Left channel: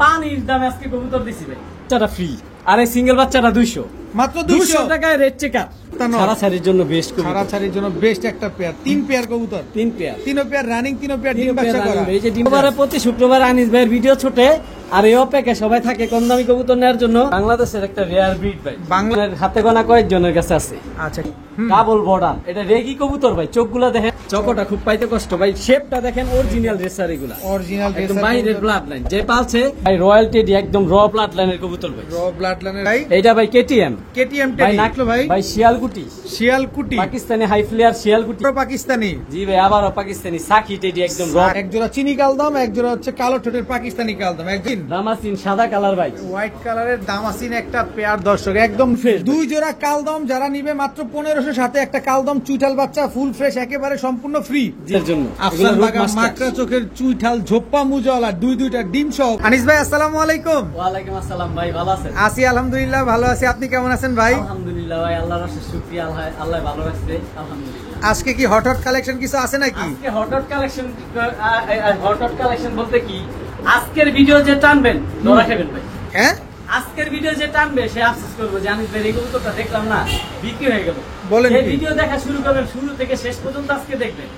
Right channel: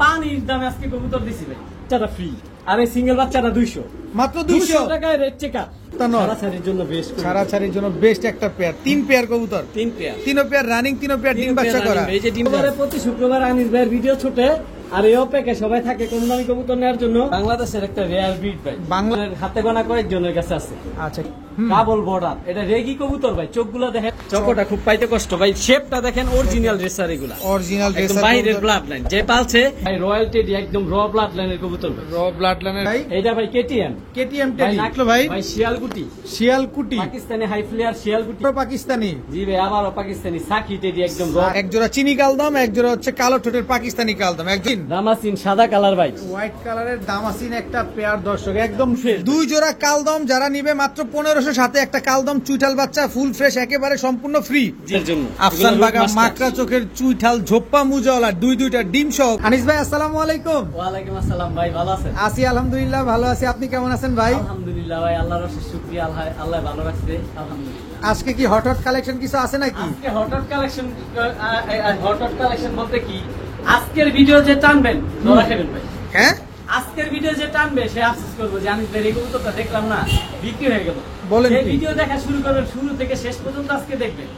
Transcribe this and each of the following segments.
পানির দামে আজকে কবুতর দিছি ভাই, বাচ্চাটা ফ্রি আর এই সিঙ্গেল বাচ্চাটা 200 মাত্র 200 টাকায় রেড চেকার। ছাড়াছাড়ির জন্য বেস্ট, ছাড়াছাড়ির জন্য বেস্ট একটা পেয়ার, 3 পেয়ার কবুতর, 3 পেয়ার, 3 পেয়ার রানিং, 3 পেয়ার ডিম বাচ্চা করা। এই যে ডিমবারে প্রতি শুক্রবার আনিস ভাইয়ের ভিডিও ছোটে আর এই অপেক্ষা সবাই থাকে কম দামি কবুতর নেওয়ার জন্য। বাংলাদেশের একটা রেয়ার ব্রিড ভাই, বাংলার হাতে গোনা কয়েকজনের কাছে আছে। আচ্ছা, ডাবল বর্ডার, এটা রেগি কবুতর ভাই। চোখগুলো দেখেন, চকটা খুব পাইতে কষ্ট ভাই। শেপটা দেখেন, অরিজিনাল রেসার এগুলা, অরিজিনাল রেসার, বাইরের ব্লাড লাইন। যে পালছে ভাই রয়্যাল টেডি, একদম র ব্লাড লাইনের কবুতর ভাই, র ব্লাড লাইনের ভাই। এইটা ভাই কেটিএম, কেটিএম টেডি নাকলো ভাই, ভাই শিয়ালকুটি, শিয়ালকুটি পাকিস্তানি হাই ফ্লেয়ার শিয়ালকুটি, পাকিস্তানি। জি ভাই, আবারও পাকিস্তানি সাকি টেডি, একদম র। এক জোড়া চিনি কালদম, এক জোড়া হচ্ছে কালো ঠোঁটের পাকিস্তানি কালদম, একদিন দামাসিন সাদা কালার ভাই, হোয়াইট কালারের দামাসিন একটা পেয়ার দর্শক, একদম ফ্রেশ। 2 জোড়া কালদম যারা নিবে মাত্র 1500, সাথে একটা কালদম চুইঠাল বাচ্চা ফুল ফ্রেশ, একেবারে সম্পূর্ণ ফ্রি। আফসান বাগা মাকড়া চোখের চুইঠাল ঝোপ্পা মুজাওয়ালা, দুইটা ডিম সহ। আনিস ভাই আসসালামু আলাইকুম। ওয়ালাইকুম আসসালাম ভাই, ভালো আছেন? আছি আলহামদুলিল্লাহ, ভালো আছি। আপনি কেমন আছেন ভাই? আলহামদুলিল্লাহ ভাই, আল্লাহর অশেষ শুকরিয়া, আল্লাহ ভালো রাখছে আলহামদুলিল্লাহ। আজকে কি হঠাৎ কালেকশন কিছু আছে নাকি? আজকে হঠাৎ কালেকশন বলতে কি, আজকের ভিডিও যে টানবেন ধরা খাবেন ভাই। হ্যাঁ, আজকের ভিডিও যে টানবে সে আফসোস করবো যে আমি এই কবুতরটা দেখলাম না, বিক্রি হয়ে গেল। বলেন কি? ভিডিও দেখা শুরু করবেন, শুরু থেকে শেষ পর্যন্ত আজকে দেখবেন।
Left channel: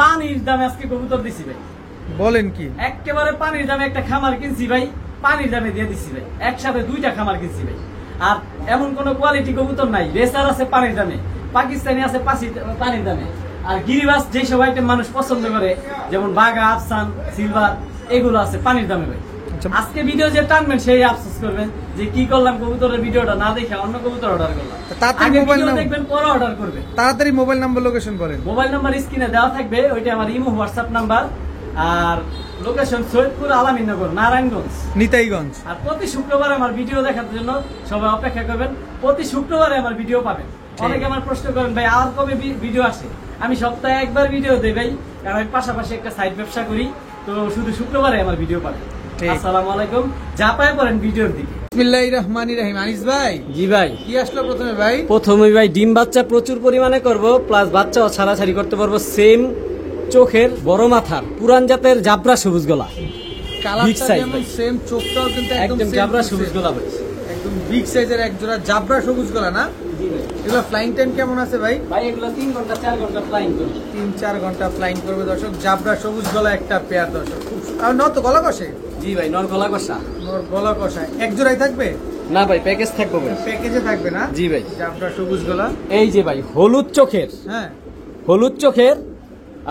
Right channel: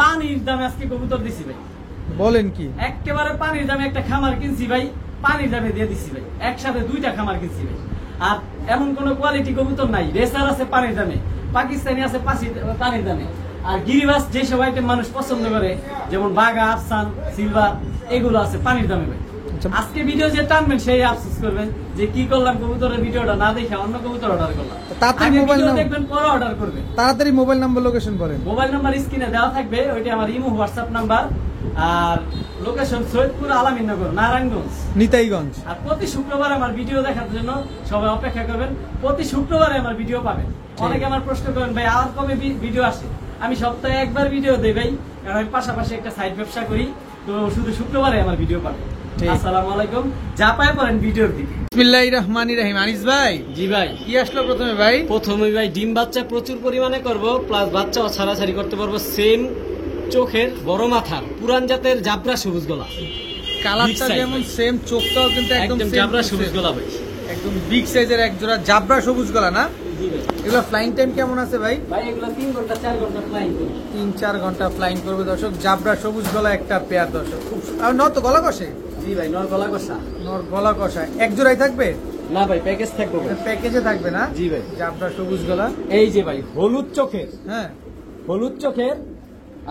পানির দামে আজকে কবুতর দিছি ভাই। বলেন কি? একেবারে পানির দামে একটা খামার কিনছি ভাই, পানির দামে দিয়ে দিছি ভাই। একসাথে 2টা খামার কিনছি ভাই। আর এমন কোন কোয়ালিটি কবুতর নাই। রেসার আছে পানির দামে, পাকিস্তানি আছে পানির দামে, আর গিরিবাস যে সব আইটেম মানুষ পছন্দ করে, যেমন বাগা, আফসান, সিলভার, এগুলো আছে পানির দামে ভাই। আজকে ভিডিও যে টানবেন সেই আফসোস করবেন যে কি করলাম, কবুতরের ভিডিওটা না দেখে অন্য কবুতর অর্ডার করলাম। তাড়াতাড়ি মোবাইল নাম্বার দেখবেন, পরে অর্ডার করবেন। তাড়াতাড়ি মোবাইল নাম্বার, লোকেশন বলেন। মোবাইল নাম্বার স্ক্রিনে দেওয়া থাকবে, ওইটা আমার ইমো হোয়াটসঅ্যাপ নাম্বার। আর লোকেশন সৈয়দপুর, আলামিনগর, নারায়ণগঞ্জ, নিতাইগঞ্জ। আর প্রতি শুক্রবার আমার ভিডিও দেখার জন্য সবাই অপেক্ষা করবেন। প্রতি শুক্রবারে আমার ভিডিও পাবেন। অনেকে আমার প্রশ্ন করেন ভাই আর কবে ভিডিও আসে? আমি সপ্তাহে একবার ভিডিও দেই ভাই, কারণ আমি পাশাপাশি একটা সাইড ব্যবসা করি, তো শুধু শুক্রবারে আমার ভিডিও পাবেন। আসসালামু আলাইকুম, যা পায় পড়েন ভিডিওর দিকে। বিসমিল্লাহির রহমানির রহিম। আনিস ভাই, জি ভাই, কি আসলো প্রথমে ভাই? প্রথমে ভাই ডিম বাচ্চা প্রচুর পরিমাণে করব, প্লাস বাচ্চাও ছাড়াছাড়ি করতে পারবো। সেম চোখের, বড় মাথার, পুরান জাতের জাবরা সবুজ গলা, কালারটা যেমন সেম, চোখটাও কিন্তু একদম জাবরা সবুজ গলা ভাই, একদম বিগ সাইজের এক জোড়া জাবরা সবুজ গলা না? এগুলো ফ্লাইং টাইম কেমন আছে ভাই? ভাই এগুলো 3 ঘন্টা 4 ঘন্টা ফ্লাইং করবে, 3-4 ঘন্টা ফ্লাইং করবে দর্শক। জাবরা সবুজ গলা একটা পেয়ার দর্শক। আর নর তো গলা কষে? জি ভাই, নর গলা কষা। নর গলা কষা এক জোড়াই থাকবে না ভাই, প্যাকেজ থাকবে ভাই, প্যাকেজে থাকবে না? জি ভাই। জাবরা সবুজ গলা, এই যে ভাই হলুদ চোখের, হ্যাঁ হলুদ চোখের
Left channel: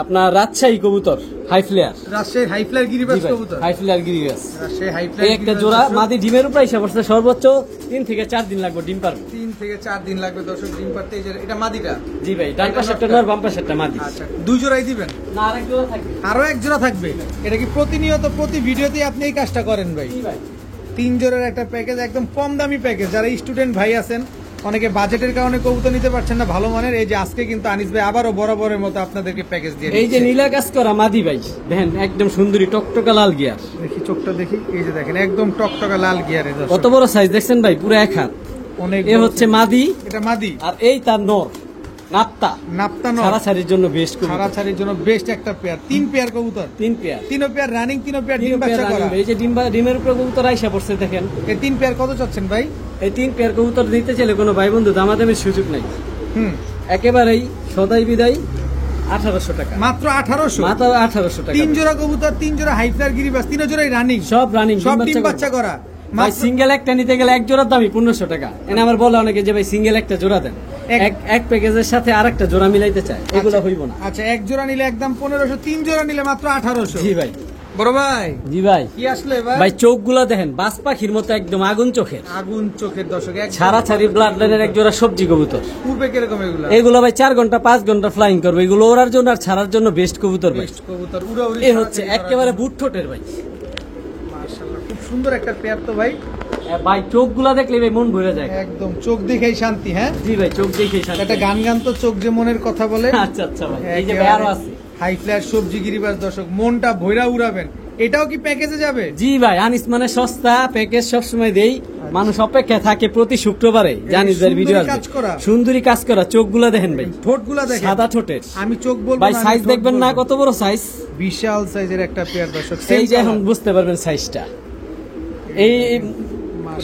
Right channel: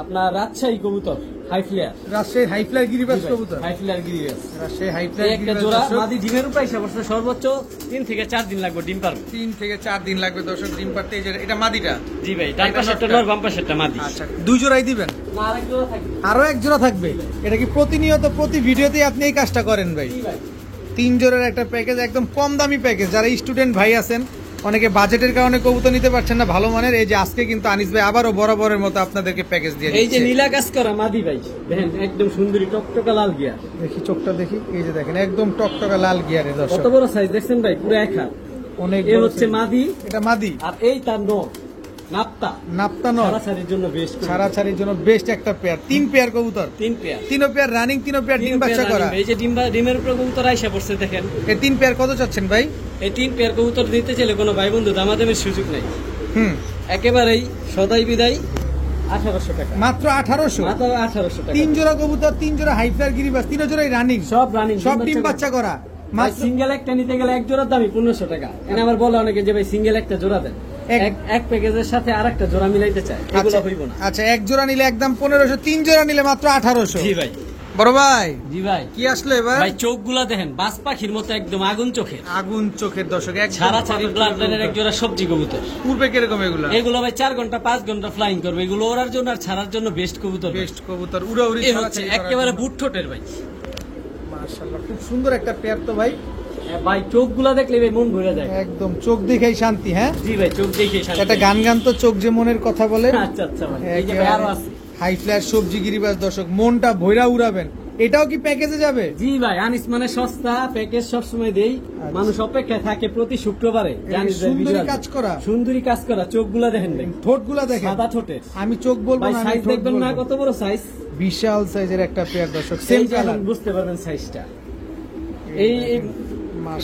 আপনার রাজশাহী কবুতর, high flyer, Rajshahi high flyer গিরিবাস কবুতর, হাই ফ্লেয়ার গিরিবাস, রাজশাহী হাই ফ্লায়ার একটা জোড়া মাদি ডিমের উপর এসে পড়ছে। সর্বোচ্চ 3 থেকে 4 দিন লাগবে ডিম পারবে। 3 থেকে 4 দিন লাগবে দর্শক ডিম পারতে। এটা মাদিটা? জি ভাই, ডান পাশেরটা নর, বাম পাশেরটা মাদি। আচ্ছা, 2 জোড়াই দিবেন? না, আরেক জোড়া থাকবে, আরো এক জোড়া থাকবে। এটা কি প্রতিনিয়ত প্রতি ভিডিওতেই আপনি এই কাজটা করেন ভাই? জি ভাই, 3 জোড়ার একটা প্যাকেজ, একদম কম দামি প্যাকেজ। যারা স্টুডেন্ট ভাই আছেন, অনেকে বাজেটের কারণে কবুতর নিতে পারছেন না ভালো মানের, এই যে আজকে কিন্তু আনিস ভাই আবারও বরাবরের মতো আপনাদেরকে প্যাকেজ দিয়ে দিচ্ছে। এই যে নীলা কাজ করা মাদি ভাই, দেখেন একদম সুন্দরী টকটকা লাল গিয়ার। দেখি চোখটা দেখি, এই যে দেখেন একদম টকটকা লাল গিয়ারে কত বড় সাইজ দেখছেন ভাই, পুরো 1 হাত। অনেক এ হচ্ছে মাদি, এটা মাদি, আর এই তার নর নাপ্তা। নাপ্তা নর ছাড়াছাড়ির জন্য বেস্ট, ছাড়াছাড়ির জন্য বেস্ট একটা পেয়ার। 3 পেয়ার কবুতর, 3 পেয়ার, 3 পেয়ার রানিং, 3 পেয়ার ডিম বাচ্চা করা। এই যে ডিমের উপর কবুতর আইসা পড়ছে দেখেন। এই 3 পেয়ার কত চাচ্ছেন ভাই? এই 3 পেয়ার কবুতর দিতে চাইলে কোনো ভাই বন্ধু দামাদামের সুযোগ নাই। একেবারেই সদাই বিদায় 1800 টাকা, মাত্র 1800, মাত্র 1800 টাকা। 3 জোড়া কবুতর, 3 জোড়া হাই ফ্লায়ার গিরিবাস, 3 জোড়াই রানিং, সব রানিং, সব ডিম বাচ্চা করা। সিঙ্গেল একটা নিতে গেলে এক জোড়ার দামই 1500 টাকা। এখানে আমার বলে অনেকে যে ভাই সিঙ্গেল একটা জোড়া দেন, এক প্যাকেজের সাথে আরেকটা জোড়া মিলাইতে চায়, এগুলো হইব না। আচ্ছা, এক জোড়া নিলে একদম 1500, 3 জোড়া নিলে মাত্র 1800। জি ভাই, বড় ভাই। জি ভাই, কি আসলো এবার ভাই? চোখগুলো দেখেন বাজ পাখির মতো, একদম আগুন চোখের, আগুন চোখের দর্শক, ছাড়াছাড়ি ব্লাড লাইনের এক জোড়া সবজি কবুতর। পূর্বে কিরকম এগুলো ভাই 4 ঘন্টা 5 ঘন্টা ফ্লাইং করবে। এগুলো ওড়ার জন্য আর ছাড়ার জন্য বেস্ট কবুতর, বেস্ট কবুতর, উড়াউড়ি এই হচ্ছে একেবারে বুট ঠোঁটের ভাই। মাশাআল্লাহ, খুব সুন্দর একটা পেয়ার তো ভাই। ভাই চোখগুলা দেখলে ভাই মন ভরে যায়, একদম চোখ দেখেই শান্তি। হ্যাঁ জি ভাই, চোখ দেখেই শান্তি। একটা গান গান তো চোখ যে মনের কথা বলে। আচ্ছা আচ্ছা ভাই, এই যে আরো আছে হাই ফ্লায়ার সবজি গিরিবাস দর্শক, মনটা ভৈরা উড়াবেন। এটাও কি প্যাকেজে যাবে? জি ভাই, আনিস মানে সস্তা, প্যাকেজ সবসময় দেই। মানুষ অপেক্ষা থাকে প্রতি শুক্রবারে, জানিস ভাই ভিডিও কাজ করা, সুন্দরী কাজ করা। চোখগুলা দেখেন ভাই, ঠোঁটগুলা দেখেন, সাদা ঠোঁটের। আমি চোখ বলবো ভাই, না, সাইজ দেখবেন না কত বড় সাইজ, বিশাল সাইজের একটা পেয়ার দর্শক। সেই যে এখন বুঝতে পারবেন সাইজটা। এই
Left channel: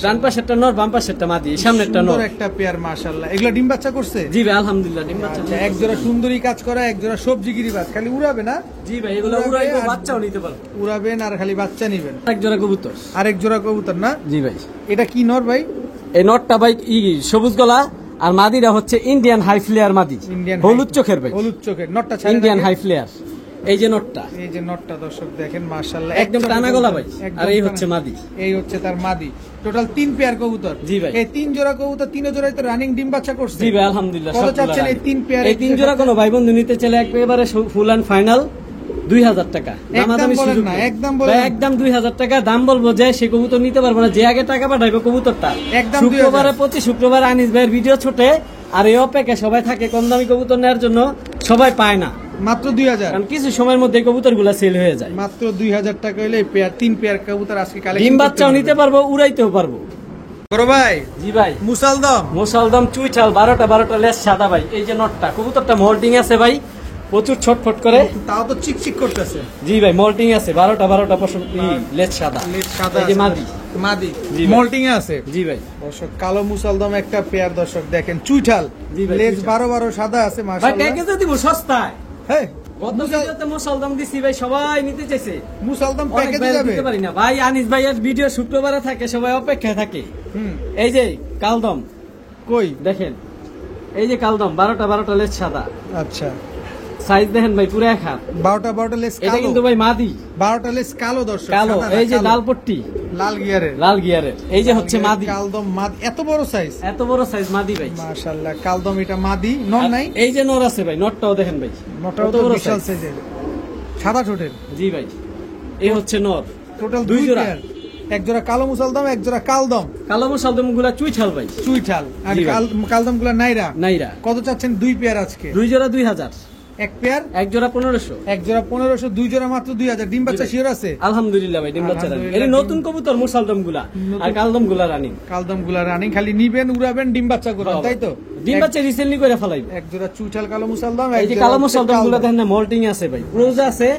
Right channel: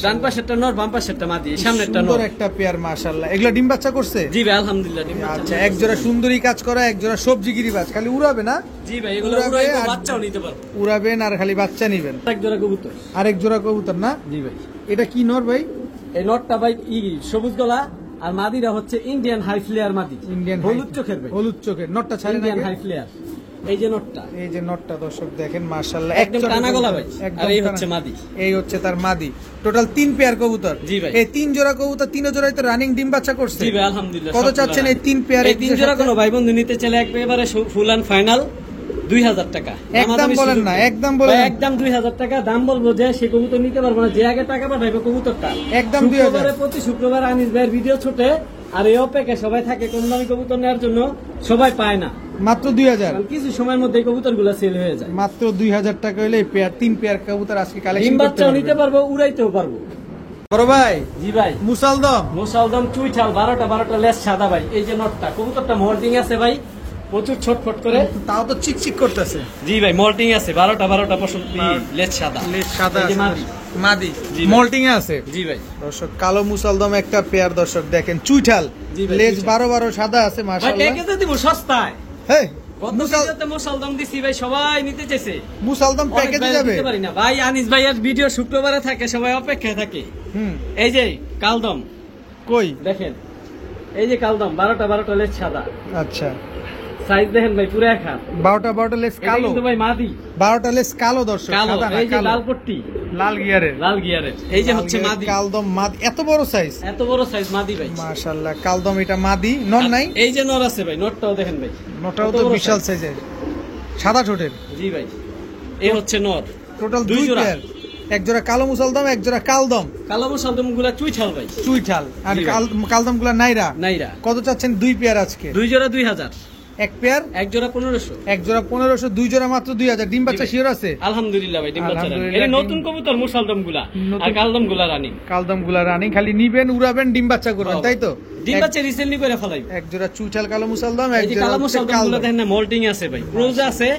ডান পাশেরটা নর, বাম পাশেরটা মাদি, সামনেরটা নর। সুন্দর একটা পেয়ার মাশাআল্লাহ। এগুলা ডিম বাচ্চা করছে? জি ভাই আলহামদুলিল্লাহ ডিম বাচ্চা। আচ্ছা, এক জোড়া সুন্দরী কাজ করা, এক জোড়া সবজিগিরি বাজ, খালি উড়াবে না? জি ভাই এগুলো উড়াবে উড়াইতে আর- বাচ্চাও নিতে পারবো। উড়াবেন আর খালি বাচ্চা নিবেন। এক জোড়া কবুতর। আরেক জোড়া কবুতর না? জি ভাই এটা কি নর ভাই? এই নটটা ভাই সবুজ গলা, আর মাদিরা হচ্ছে ইন্ডিয়ান হাই ফ্লেয়ার মাদি, ইন্ডিয়ান হলুদ চোখের ভাই, হলুদ চোখের নটটা ছাড়েন ইন্ডিয়ান আগে। High flyer. এই যে নটটা এই যে নটটা দর্শক দেখেন মাশাআল্লাহ, একদম টানা গলা ভাই, একদম আর এই টানা। হচ্ছে মাদি। এই হচ্ছে তার মাদি। টোটাল 3 পেয়ার কবুতর। জি ভাই। এই 3 জোড়া কবুতর, 3 জোড়াই তো রানিং ডিম বাচ্চা করছে। জি ভাই আলহামদুলিল্লাহ। কত সবগুলা চাচ্ছেন এই 3 পেয়ার? এই 3 জোড়া কোনো ভাই বন্ধু নিতে চাইলে একেবারে ফুল এন্ড ফাইনাল 2000 টাকা। একদম বলেন না, একদম বলেন না। একদম 2000 টাকা দাম বলবো, যে সে কবুতর নিতে পারবো না, যে আগে টাকা পাঠাইবে কবুতরটা একদম 2000। শুক্রবারে, প্রতি শুক্রবার আনিস ভাইয়ের ভিডিও ছোটে, আর এই অপেক্ষা সবাই থাকে কম দামি কবুতর নেওয়ার জন্য, সবাই পায় না, মাত্র 2000। কারণ কিছু সময়ের মধ্যে কবুতর গুলা সেল হয়ে যায়। মাত্র 2000 টাকা হইলে এই পেয়ার 3 পেয়ার কবুতর আজকে কালেকশন ডিম বাচ্চাও নিতে পারবো, উড়াইতেও পারবো। বড় ভাই জি ভাই মুসালদম মুসালদম চুইঠাল 12টা লেস সাদা ভাই। এই যে নটটা, কবুতরটা মোল্টিং আছে ভাই, প্রচুর ছটফট করে। তাও তো চিকচিক করতেছে। জি ভাই মোল্টিং আছে, 12টা পছন্দ, লেস সাদা, লেজ সাদা এই যে আছে। মাদি। মাদি জি ভাই। মোল্টিং এ আছে। জি ভাই দর্শক কালো মুসালদম একটা পেয়ার দর্শক দেখেন, চুইঠাল জি ভাই, লেজ চুইঠাল। 12 সাদা আছে ভাই মাশাআল্লাহ। প্যাকেজে দিব সস্তায়। হ্যাঁ মুসালদম মুসালদম দিছি ভাই, সবাই নিতে চাইছে। মুসালদম অনেক প্যাকেজে ভাইরা যাবে। দিতে পারি না ভাই, আনিস ভাইয়ের ভিডিও শুক্রবারে থাকে, সবাই অপেক্ষায় থাকে। হুম এই যে কালদম কই দেখেন, এই যে কালদম 12টা লেস সাদা, আচ্ছা সাইজ দেখেন ভাই পুরো এক হাত। 12টা লেজ এটা কালো, কিন্তু ভাই মাদি 12টা লেজ কালো দর্শক, কালো। সাদা না, এই যে কালো। লাল পট্টি, লাল গিয়ারের, লাল গিয়ারের, এই যে হচ্ছে মাদি, কালদম মাদি, এত বড় সাইজ এত বড় সাইজ মাদি ভাই। মাশাআল্লাহ। কালদম এটা মাদি, নর নাই? এই যে নর আছে ভাই, নরটাও দেখেন ভাই, নটাও কত তো বড় বিশাল size। সাইজের, সাদা ঠোঁটের। জি ভাই এই হচ্ছে নর। টোটাল দুই 2 জোড়া। পেয়ার, এক জোড়া কালো মুসালদম, এক জোড়া কালদম কালো মুসালদম গুলা চুইঠাল ভাই, চুইঠাল। আর জি ভাই। কালদম গুলা নাইরা। নাইরা। কত চাচ্ছেন 2 পেয়ার আজকে? 2 জোড়া 2000, এক পেয়ার, এক জোড়া 1500। এক জোড়া 1500, 2 জোড়া মাত্র 2000। ডিম বাচ্চা জি ভাই। শিওর আছে? আলহামদুলিল্লাহ ভাই ডিম বাচ্চা রানিং। আলহামদুলিল্লাহ, এই নতুন কবুতর মুসালদম গুলা, আর নতুন- কালদম গুলা রানিং। কালদম গুলা রানিং, খালি নিবেন, উড়াবেন, ডিম বাচ্চা করবেন, তাই তো? ডিম এক- বাচ্চা রিসেন্টলি করে ফেলাই। এক জোড়া চুইঠাল কালো মুসালদম, এক এই যে জোড়া কালো হচ্ছে মুসালদম গুলা কালদম। দেখেন না, মোল্টিং আছে ভাই, রোজ আছে,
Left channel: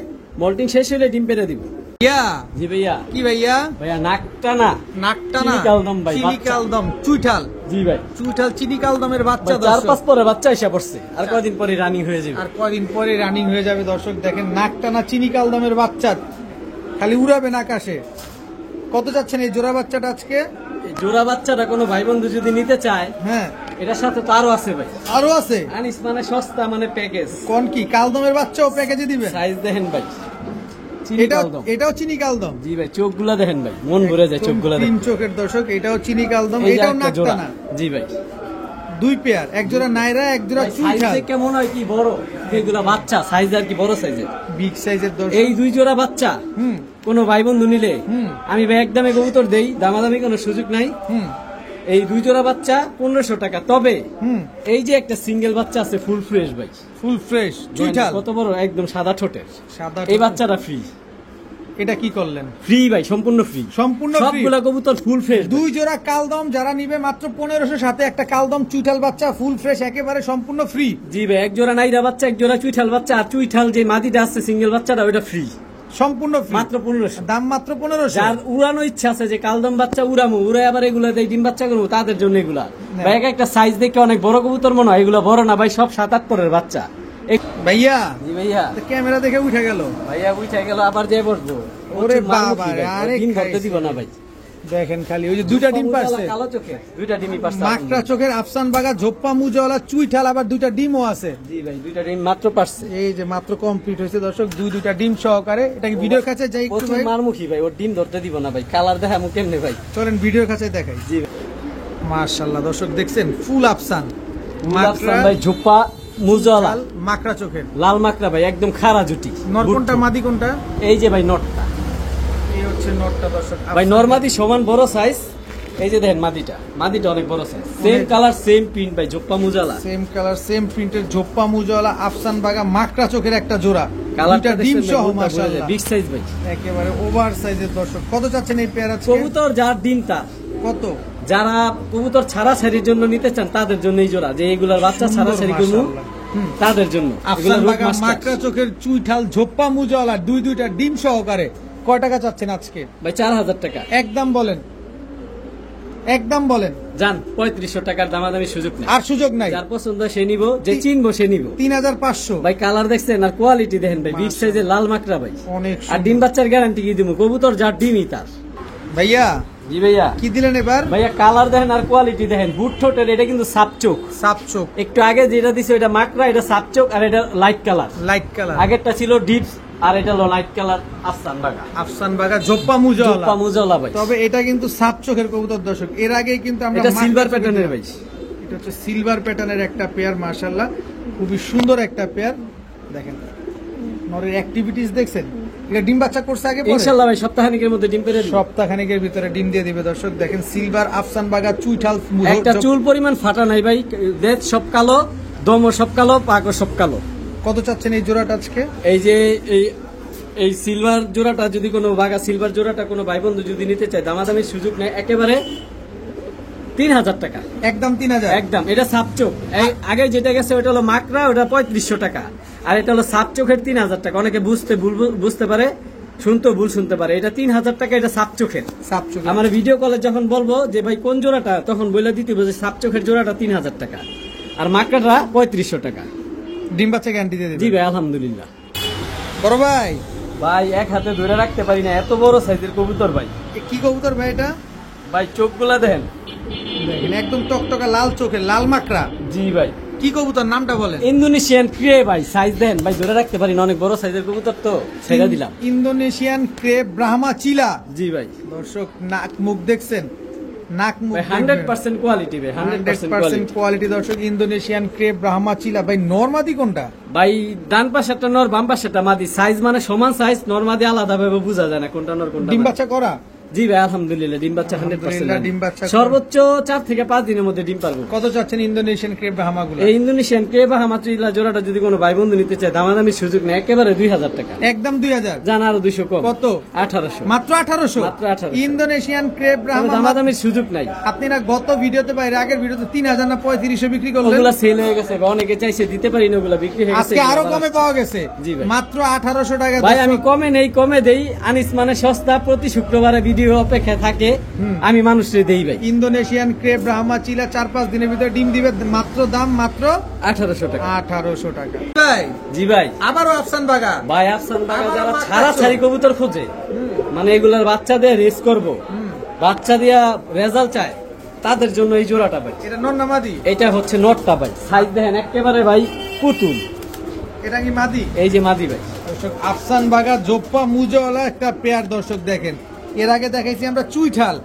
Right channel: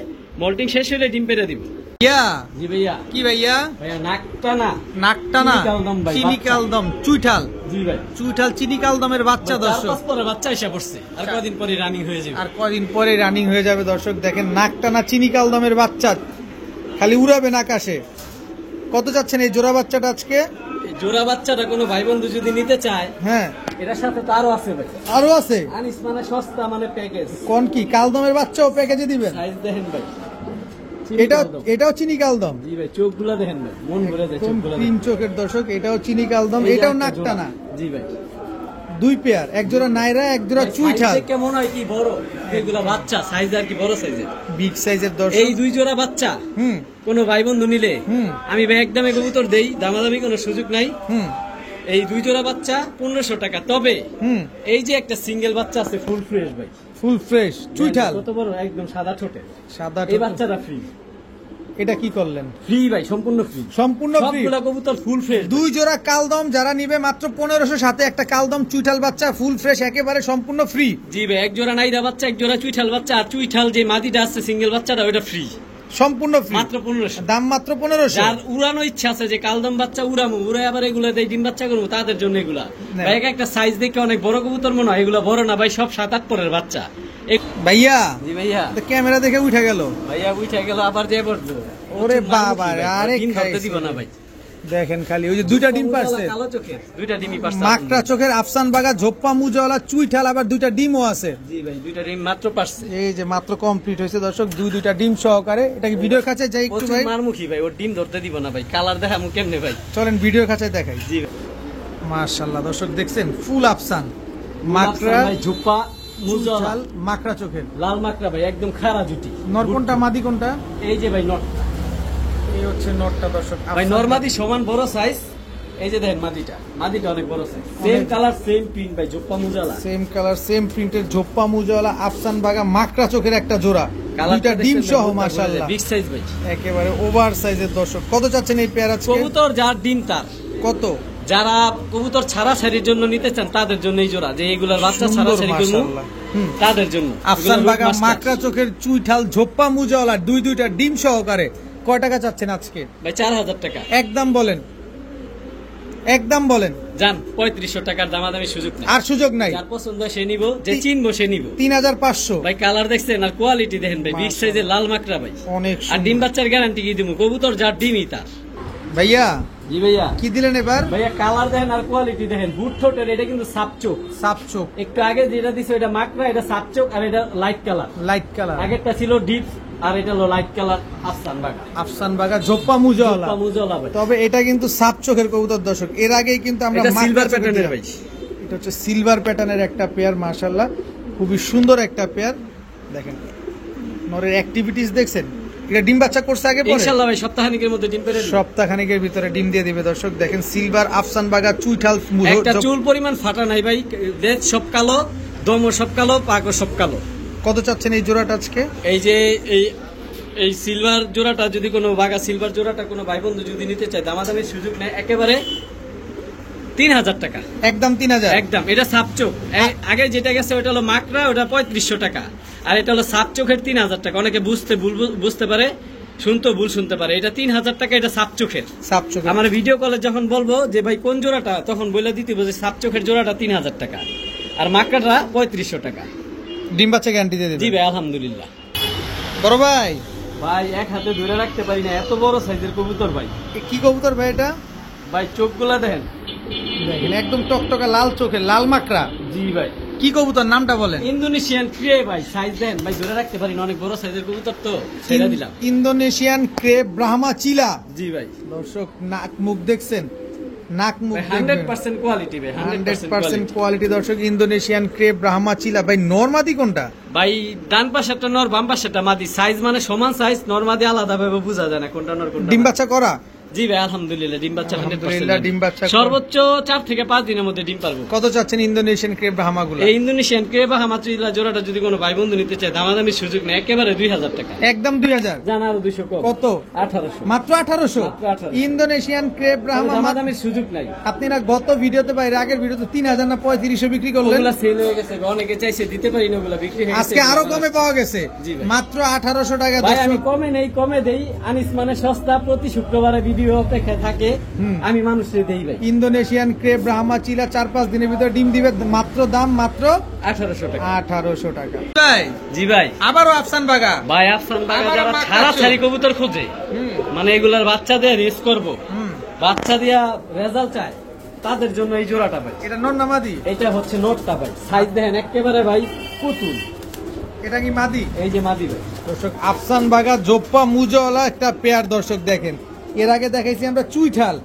মোল্টিং শেষ হলে ডিম পেরে দিব। ইয়া জি ভাইয়া। কি ভাইয়া? ভাইয়া নাকটা না, নাকটা না, চিনি কালদম ভাই, চিনি বাচ্চা। কালদম চুইঠাল, জি ভাই চুইঠাল চিনি কালদমের বাচ্চা 4-5 দর্শক। পরে বাচ্চা এসে পড়ছে, আর কদিন পরে রানিং হয়ে যাবে। আর কদিন পরে রানিং হয়ে যাবে দর্শক দেখেন, নাকটা না চিনি কালদমের বাচ্চা, খালি উড়াবেন আকাশে। কত চাচ্ছেন এই জোড়া বাচ্চাটা আজকে? এই জোড়া বাচ্চাটা কোনো ভাই বন্ধু যদি নিতে চায়, হ্যাঁ এটার সাথে তো আরো আছে ভাই। আরো আছে? আনিস মানে সস্তা মানে প্যাকেজ। কোন কি কালদমের বাচ্চাও প্যাকেজে দিবেন? সাইজ দেখেন ভাই, এটাও এটাও চিনি কালদম। জি ভাই চোখগুলা দেখেন ভাই, মন ভরে যায় চোখগুলা তিন দেখেন। চোখের দর্শক, এটাও চিনি কালদম, এই যে এটাও একটা নাকটা জোড়া। না। জি ভাই 2 পেয়ার, এক জোড়া নাইরা, এক জোড়া চুইঠাল, সাইজ কেমন হয় কি বড়, এগুলা বাচ্চা সাইজ আর কি বড় সাইজের। বিগ সাইজের দর্শক। এই 2 জোড়া বাচ্চা হুম কোনো ভাই বন্ধু নিলে হুম। আমি ভাই একদমে কবুতর দেই, দামাদামি কোনো সুযোগ নাই। হুম এই 2 জোড়া বাচ্চা 1500 টাকা। তবে হুম এই যে একটা সিঙ্গেল বাচ্চা আছে ফুল ফ্রেশ ভাই, ফুল ফ্রেশ চুইঠাল, কত বড়, একদম সাদা ঠোঁটের, সাদা এই ঠোঁট। বাচ্চাটা ফ্রি। এটা কি করলেন? ফ্রি ভাই, সম্পূর্ণ ফ্রি, সম্পূর্ণ ফ্রি। সবগুলা কবুতর ফুল ফ্রেশ। 2 জোড়া কালদম যারা নিবে মাত্র 1500, সাথে একটা কালদম চুইঠাল বাচ্চা ফুল ফ্রেশ, একেবারে সম্পূর্ণ ফ্রি। জি ভাই এক জোড়া নাইদা বাচ্চা, এক জোড়া চুইঠাল বাচ্চা, আর চুইঠাল যে মাদিটা আছে সিঙ্গেল বাচ্চাটা ওটা ফ্রি, সম্পূর্ণ ফ্রি, মাত্র 1500। দাম মাত্র 1500। যার উড়ানো ইচ্ছা আছে যে কালদম বাচ্চা উড়ামো, উড়ে আবার এগুলো দেয় ডিম বাচ্চা করবো, তাদের জন্য এগুলা না। ভাই। একটা সাইজ দেখে অনেক বড় কবুতর মনে হয়, এগুলো বড় না ভাই, সব 7-8 বাচ্চা। ভাইয়া জি ভাইয়া, তো ক্যামেরা দেখে উঠে গেল। ভাইয়া উঠে গেল, আবার যে বসবো। ওরে বাবা রে, আরে ডিম ধরতে খাইছে। দিব না ভাই। দেখেন খালি ওই যে 2টা ডিম পারছে, কালো চোখের 2টা ডিমই পারছে। মাকড়া চোখের আফসান বাগা ঝোপ্পা মুজাওয়ালা চুইঠাল, আবার 2টা ডিমও আছে। জি ভাই 2টা ডিম মাত্র পারছে। এই যে মাত্র কমপ্লিট হয়েছে দর্শক, 2টা ডিম সহকারে। এটা কি ভিডিওর কাছে যাই একটু প্রচুর ভাই? মারমুখী ভাই, ওর ডিম ধরতে দিব না ভাই, কালার দেখামু কেমনে ভাই। চলেন ভিডিওর কাছে দেখাই। জি ভাই মাশাআল্লাহ দর্শক দেখছেন, ফুল আফসান মাকড়া ভাই, ঝোপা মুজালা, চুইঠাল, মাকড়া চোখের। লাল মাকড়া ভাই, একদম খাড়া জুটি। নর কোনটা মাদি কোনটা? এই যে ভাই নটটা, এই হচ্ছে নরটা দর্শক। ভাই নরমাদি সমান বড় সাইজ। এই যে দেখেন মাদিটা, মাদিটা অনেক বড় সাইজ, সেম অনেক। কালার সেম প্রিন্ট ভাই, ঝোপা মুজালা। সেম কালার সেম প্রিন্টের ঝোপ্পা মুজাওয়ালা আফসান বাগা মাকড়া চোখের একটা জোড়া, 2টা ডিম সহ মাশাআল্লাহ, বিগ সাইজ ভাই, একেবারে ওভার সাইজের দর্শক। কত চাচ্ছেন এই পেয়ার আজকে? কবুতর যার ডিম তার। কত? যারা কবুতর ছাড়া ছাড়ির জন্য নিতে চান তাদের জন্য এই জোড়া, যে এগুলার বাচ্চা ছাড়া সুন্দর ছাড়ির জন্য মাশাআল্লাহ। হুম। তাদের জন্য। আফসান এগুলো বাগা রোড মাস্টার। মাকড়া চোখের চুইঠাল ঝোপ্পা মুজাওয়ালা 2টা ডিম সহকারে কয় টাকা চাচ্ছেন আজকে? ভাই 4000 টাকা। একদম বলেন। একদম বলেন জান 3500 টাকার দামাদামি সুযোগ নাই, আর সুযোগ নাই। যার পছন্দ সে নিব, যে চিনবো সে নিব। 3500 ভাই কালার দেখছেন আর কোয়ালিটি দেখেন ভাই, বিগ সাইজের লাল মাকড়া ভাই। অনেক আর সুন্দর। ডিম বাচ্চার গ্যারান্টি কি দিব, কবুতর যার ডিমই তার। ভাইয়া জি ভাইয়া, কি দিলেন এবার? ভাইয়া কালার দেখেন আর কোয়ালিটি দেখেন, বুট ঠোঁটের, এটা কিন্তু সাপচোক। সাপচোক, একটু আগে যেটা দিছে এটা মাকড়া, এটা সাপচোক, আর এটা লাইট কালার। লাইট কালার, আগেরটা ছিল ডিপস, আর এটা হলো লাইট কালার আফসান বাগা। আফসান বাগা জোপ্পা মুজাওয়ালা। মুজালা ভাই, তবে এটা কিন্তু সাপচোখের কবুতর দর্শক। এর আগে কিন্তু আমরা এটা মাকড়া সিলভার চোখের প্যাটার্নের ভাই। এটা হচ্ছে সিলভার প্যাটার্নের একটা পেয়ার, মাশাআল্লাহ খুবই সুন্দর একটা পেয়ার। দেখেন নরের অ্যাক্টিভিটিস দেখছেন। এটা ডিম বাচ্চা করছে আগে পরে? ইনশাআল্লাহ ভাই সপ্তাহখানেকের মধ্যে ডিম পেড়ে সপ্তাহখানেকের ভিতরে ডিম দিয়ে দিবে দর্শক। দেখেন সিলভার আফসান বাগা চুইঠাল একটা চুল পরিমাণ ফাটা নাই ভাই, লেজ সব কালো, দমও সব কালো, পাকও সব কালো। কত চাচ্ছেন এই জোড়াটা আজকে? এই যে এই সিলভার জোড়াটা যদি কোনো বাগা সিলভার জোড়াটা কোনো ভাই বন্ধু যদি নিতে চায়, দামাদামির সুযোগ নেই, একেবারে 3000 টাকা একদম 3000 একদম। এটা সাপচোক, আগে যেটা গেছে ওটা হলো মাকড়া, ওটা 3500 টাকা, আর এটা হলো সাপচোখের 3000 টাকা। অনেকে বুঝতে পারে, শুনতে ভুল শুনতে পারে। এটা 3000 টাকা, এটা সাপচোখের। সাপচোখ আমার ভিডিও কলে যখন বলবো যে ভাই কোন জোড়াটা, তখন বলে দিতে হবে যে সাপচোখের জোড়াটা 3000 টাকা, আর মাকড়াটা 3500 টাকা। ডিম বাচ্চা গ্যারান্টি দিয়ে জি দিবে? ভাই আলহামদুলিল্লাহ। বড় ভাই, ভাই এক হাতে ধরে রাখতে পারি না, এত বড় সাইজের কবুতর ভাই। কি কবুতর ভাই এটা? ভাই চোখগুলা দেখেন, দেখেন একদম টকটকা লাল চোখের, লাল মাকড়া। জি ভাই। কি কবুতর নামটা বলেন? ইন্দোনেশিয়ান ক্রে ভাই, সাইজ দেন ভাই, ধরে রাখতে পারি না, অনেক বড় সাইজের কবুতর তো, সেটা দিলাম। ইন্দোনেশিয়ান ক্রেপ ব্রাহ্মা চিলা। জি ভাই, দর্শক নাক মুখ দেখছেন, নাক মুখ 100% কোয়ালিটি ভাই, 100% কোয়ালিটি দর্শক। ইন্দোনেশিয়ান ক্রেপ ব্রাহ্মা চিলা। ভাই নরমাদি কোনটা? ভাই ডান পাশে একটা নর, বাম পাশে একটা মাদি, সাইজ মানে সমান সাইজ, নরমাদি আলাদা ভাবে বোঝা যায় না কোনটা নর কোনটা ডিম মাদি। বাচ্চা করা? জি ভাই আলহামদুলিল্লাহ, ডিম বাচ্চা 100%। আলহামদুলিল্লাহ, ডিম বাচ্চা সর্বোচ্চ 4 থেকে 5 দিনের মধ্যে ডিম পারবে। কত চাচ্ছেন ইন্দোনেশিয়ান ক্রেপ ব্রাহ্মা গুলো? এই ইন্দোনেশিয়ান কে বা হামাচুইলা জোড়াটা যদি কোনো ভাই বন্ধু নিতে চায়, দামাদামি সুযোগ নেই, একেবারে 2000 টাকা। একদম 2000? জান আরো 200 কম। কত? 1800 মাত্র 1800? মাত্র 1800। ইন্দোনেশিয়ান ক্রেপ ব্রাহ্মা দামাদামির সুযোগ নাই। আপনি না গত ভিডিওতে বাইরে আগের ভিডিওতে 3000 না 3500 বিক্রি করলেন? ওগুলা সেল হয়ে গেছে, অনেকে চাইছে দিতে পারি না, ওগুলা বিক্রি হয়ে গেছে। আজকে আরো কমে পাওয়া গেছে, জি ভাই। মাত্র 1800 টাকা। ভাই আমি কমে নেই, কমে দেই। আনিস মানে সস্তা, প্রতি শুক্রবারে ভিডিও অপেক্ষা থাকে, আমি মানুষকে দেই ভাই। ইন্দোনেশিয়ান ক্রেপ ব্রাহ্মা চিলা 4-5 দিনের ভিতরে ডিম দিবে, মাত্র দাম মাত্র 1800 টাকা। 1800 টাকা। ভাই জি ভাই। আবারও আফসান বাগা। ভাই আফসান বাগা যারা ছাড়া ছাড়ি কবুতর খোঁজে, মানে এগুলার বাচ্চা দিয়ে রেস করবো, বাচ্চা দিয়া রেজাল্ট চায়, তাদের জন্য এই জোড়াটা ভাই। এটা নর না মাদি? এটা হচ্ছে নটটা ভাই, সাইজ দেখেন একেবারে ভাই পুতুল। এটা কি মাদি? এই যে মাদি ভাই। দর্শক আফসান বাগা জোপ্পা মুজওয়ালা একটা পেয়ার দর্শক দেখেন। এর আগে দেখাইছি আমরা চুইঠাল,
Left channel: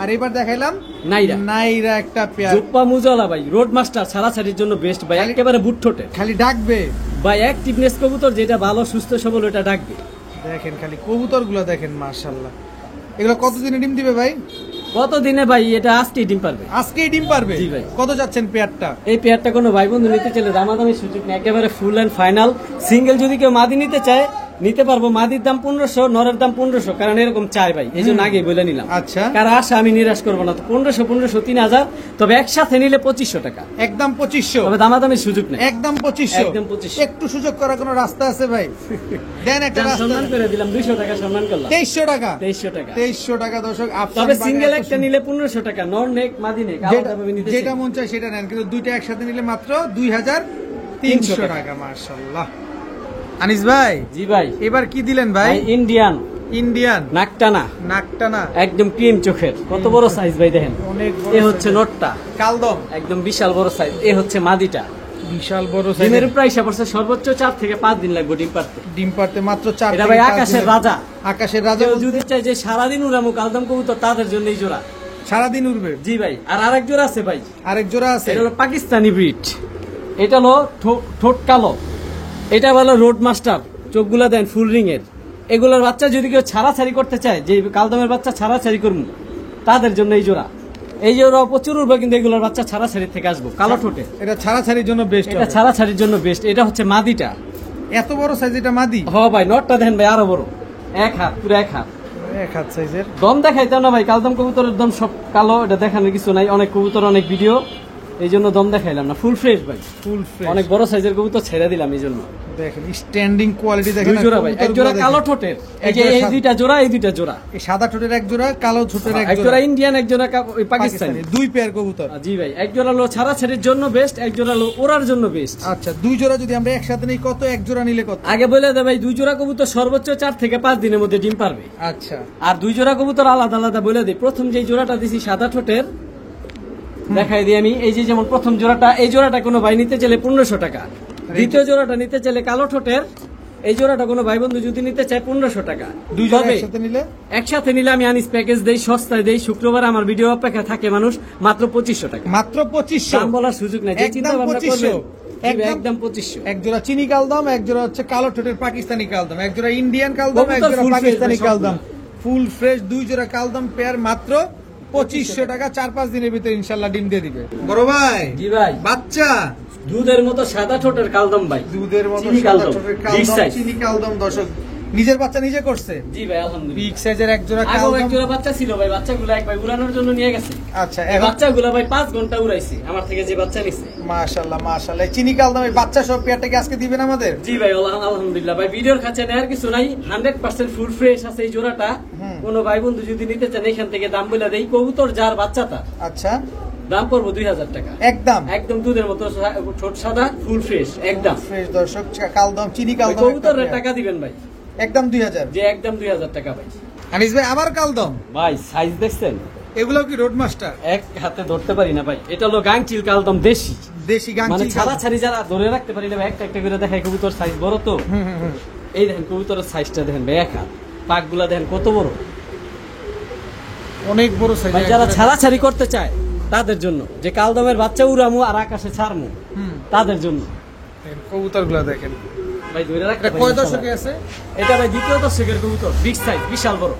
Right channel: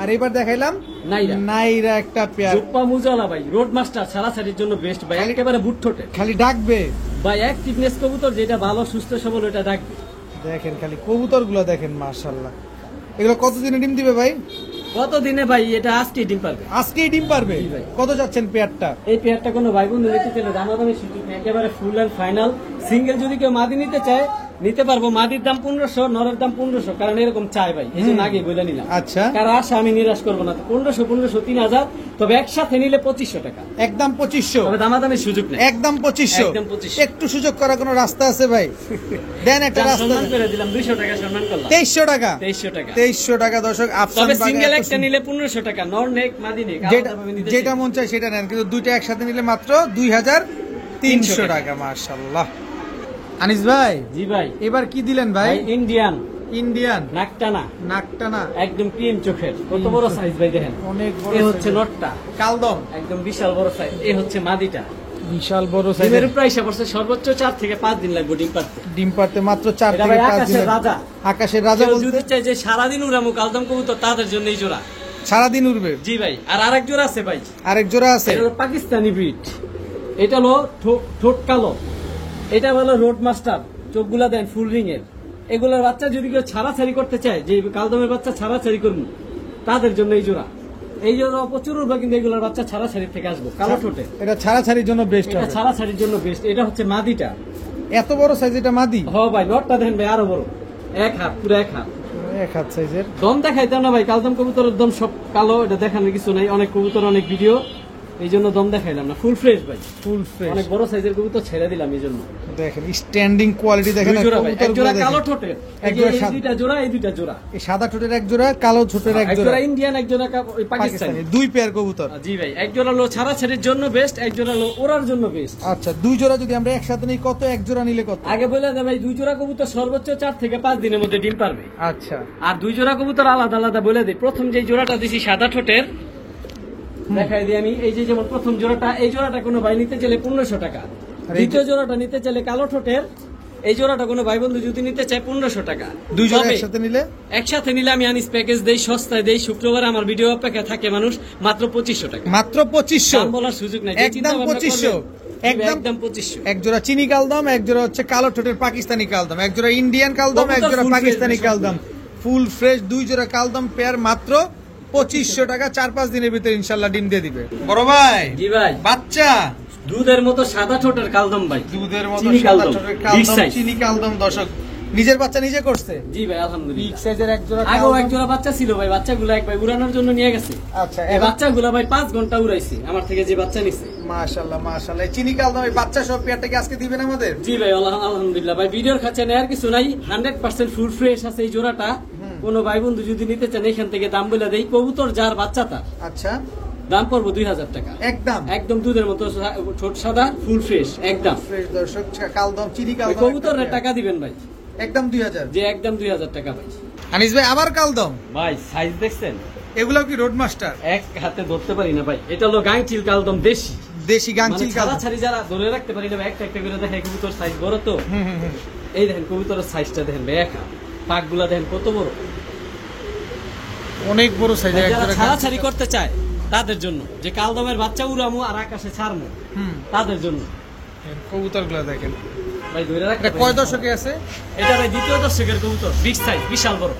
আর এবার দেখাইলাম নাইরা। নাইরা একটা পেয়ার। জোপ্পা মুজালা ভাই, রোড মাস্টার ছাড়া ছাড়ির জন্য বেস্ট ভাই, একেবারে বুট ঠোঁটে খালি ডাকবে ভাই, অ্যাক্টিভনেস কবুতর যেটা ভালো সুস্থ সবল ওটা ডাকবে। দেখেন খালি কবুতর গুলো দেখেন, মাশাআল্লাহ। এগুলো কতদিনে ডিম দিবে ভাই? কত দিনে ভাই? এটা আজকেই ডিম পারবে। আজকেই ডিম পারবে? জি ভাই। কত যাচ্ছেন পেয়ারটা? এই পেয়ারটা কোনো ভাই বন্ধু নিতে চাইলে দামাদামি সুযোগ নেই, একেবারে ফুল এন্ড ফাইনাল। সিঙ্গেল যদি কেউ মাদি নিতে চায় নিতে পারবো, মাদির দাম 1500, নরের দাম 1500, কারণ এরকম চাই ভাই, এই জন্য আগে বলে নিলাম। আচ্ছা, কারণ আশা আমি নিরাশ করবো না। তো 1500, 3000, তবে একসাথে নিলে 2500 টাকা। একদম 2500? তবে দামাদামি সুযোগ নেই, একদম 2500? একদম 2500। একটু সুযোগ করার কোনো রাস্তা আছে ভাই? দেন একটা রাস্তা। সম্মান করে দিলাম, 200 টাকা সম্মান করলাম। 2300 টাকা? 2300 টাকা। 2300 টাকা দর্শক। আফসান তবে বাগা সিঙ্গেল এত একটা নিলে 1500 টাকা, নর নেক মাদি নেক যেটা মন চায় সেটা নেন, কিন্তু দুইটা একসাথে নিলে মাত্র 2300 টাকা। মাশাআল্লাহ। আনিস ভাই। জি ভাই। এবার কি দিলেন ভাই? ইন্ডিয়ান। ইন্ডিয়ান নাকটানা, নাকটানা একদম ক্রিম চোখের, কত বড় সাইজ ভাই দেখেন। অনেক বড়। এই হচ্ছে নটটা, কালদম একদম বিশাল বড় সাইজ। এই হচ্ছে মাদিটা, বিশাল বড় ডিমের সাইজের। প্রাইস পড়ছে সর্বোচ্চ 4 থেকে 5 দিন লাগবে ডিম পারতে। ডিম পারতে মাত্র 4 এটা থেকে ভাই 5 আকাশের দিন। রাজা। আকাশের রাজা কেউ বলতে যদি চায় যে সারাদিন উড়ামুখ কালদম কবুতর, তাদের জন্য এই জোড়া সারাদিন উড়বে। জি ভাই। আর আরেক জোড়া আছে ভাই, আরেক জোড়া আছে, এটা হলো পাকিস্তানি ব্রিড। এটা হলো ঠোঁট কালো, এটা হলো রোড মাস্টার, চোখগুলা দেন ফুল রিং এর। এগুলোর বাচ্চা যদি কেউ ছাড়াছাড়ি করতে চায়, যে কালদমের বাচ্চা ছাড়াছাড়ি করুন, তাদের জন্য এই জোড়া। এই জোড়া প্রচুর উঠবে, কিন্তু এগুলোর বাচ্চা ছাড়াছাড়ি থেকে আসবো, কালো ঠোঁটে। এটা ছাড়াছাড়ির জন্য বেস্ট। এটা ছাড়াছাড়ির জন্য বেস্ট। এটা হচ্ছে মাদিটা, এত বড় সাইজ এটা মাদি? হ ভাই। নটটা দেখেন ভাই আরো বড়, এক হাত, পুরো এক হাত। এক হাত সাইজের। দম দেখাইতাম না ভাই, কালদম কবুতরের দম সব কালো, এটা দেখানোর কিছু নাই। অনেক কবুতর, অনেক ভিডিও, এই জন্য দম দেখাইলাম না, ফুল ফ্রেশ ভাই, ফুল ফ্রেশ। অনেক বড় সাইজের কবুতর ছেড়ে দিলাম এই জন্য। দেখেন স্ট্যান্ডিং কোয়ালিটি দেখেন, দুই জোড়া ভাই, এক জোড়া কালো ঠোঁটের, এই যে এই দুইটা জোড়া, এই দুইটা জোড়া, এই সাদা ঠোঁটের এক জোড়া, কালো ঠোঁটের এক এক জোড়া, জোড়া ইন্ডিয়ান, এক জোড়া ওই পাকিস্তানি। দুই পেয়ার কবুতর। জি ভাই, এক জোড়া হলো ছাড়াছাড়ির জন্য বেস্ট, এক জোড়া হলো ওড়ার জন্য বেস্ট। আচ্ছা, দুই জোড়া যদি আমরা একসাথে নিই কত, এক জোড়া নিলে কত? আগে বলে দে ভাই, দুই জোড়া কবুতর সর্বোচ্চ 4 থেকে 5 দিনের মধ্যে ডিম পারবে। আচ্ছা, আর দুই জোড়া কবুতর আলাদা আলাদা বলে দিই। প্রথম যে জোড়াটা দিছি সাদা ঠোঁটের, দেখাই দিই আমি। এই যে যেমন প্রথম জোড়াটা, এই জোড়াটা কোনো ভাই নিতে চাইলে 1500 টাকা। দ্বিতীয় জোড়াটা নিতে চাইলে কালো ঠোঁটের, এই জোড়াটা কোনো ভাই বন্ধু যদি নিতে চায় 1500 টাকা। দুই জোড়া তবে একসাথে নিলে? একসাথে নিলে আমি আনিস প্যাকেজ দেই, সস্তায় দেই। শুক্রবার আমার ভিডিও অপেক্ষা থাকে মানুষ, মাত্র 2500 টাকা। মাত্র 2500? দাম বলার সুযোগ নাই, একদম 2500? একদম 2500। এক জোড়া চিনি কালদম, এক জোড়া হচ্ছে কালো ঠোঁটের পাকিস্তানি কালদম, এক জোড়া ইন্ডিয়ান কালদম, এক জোড়া পাকিস্তানি কালদম, ফুল ফ্রেশ দুই জোড়া কালদম পেয়ার মাত্র 2500 টাকা। 4-5 দিনের ভিতরে ইনশাল্লাহ ডিম দিয়ে দিবে। বড় ভাই, জি ভাই, বাচ্চা দুধের মতো সাদা ঠোঁটের কালদম ভাই, দুধের মতো চিনি সাদা কালদম, ঠোঁটের big কালদম, size। চিনি কালদম। দর্শক, নিজের বাচ্চা নিজে করছে? জি ভাই, আলহামদুলিল্লাহ। বিগ সাইজের এক জোড়া আগেও এক কালদম। জোড়া বাচ্চা ছিল ভাই, বাচ্চাগুলো এক ভাই উড়ানোর জন্য নিয়ে গেছে। আচ্ছা, এই এখন বাচ্চাগুলো ভাই 5 ঘন্টা উড়াইছে আমার থেকে, যে বাচ্চা নিছে। মাশাআল্লাহ মাশাআল্লাহ। চিনি কালদম এই বাচ্চা সব পেয়ারটা কি আজকে দিবেন আমাদের? জি ভাই, আলহামদুলিল্লাহ ভাই। ভিডিওর কাছে নেওয়ার কিছু নাই, 100% ফুল ফ্রেশ আছে এই জোড়াটা। কোন ভাই বন্ধু যদি নিতে চান এখান থেকে দাম বলে দেই। কবুতর যার বাচ্চাটা, আচ্ছা, দাম পড়বো 2000 টাকা একদম একদম। দুধের মতো ঠোঁট সাদা, ফুল ফ্রেশ একদম। ফ্রেশ। দর্শক, কালদম চিনি কালদম কবুতরের টাকা দিবেন ভাই, একদম 2000। যে একদম 2000 টাকা ভাই। আনিস ভাই, আবার কালদম ভাই সাইজ দেখছেন? এগুলো কি রোড মাস্টার? এক হাতে ধরতে পারি না ভাই, এটা হলো গাংচিল কালদম, দেশি দেশি গাংচিল মানে কালদম। ছাড়াছাড়ি যারা ধরে রাখতে পারি না ভাই, একটা একটা করে দেখাই। কবুতর সাইজ বড় তো, এই দেখেন কবুতরের সাইজটা দেখেন ভাই, একা পাকগুলা দেখেন কত বড়, অনেক বড় সাইজের। যারা ছাড়াছাড়ি করতে চায় তাদের জন্য, যে কালদমের বাচ্চা উড়ামু আর আকাশে ছাড়মু, তাদের জন্য। কবুতর গুলো দেখেন ভাই ধরে রাখতে এটা কয় দশকে আছে? এটা ভাই দ্বিতীয় দশকের কবুতর, বিগ সাইজ, বিশাল বড়।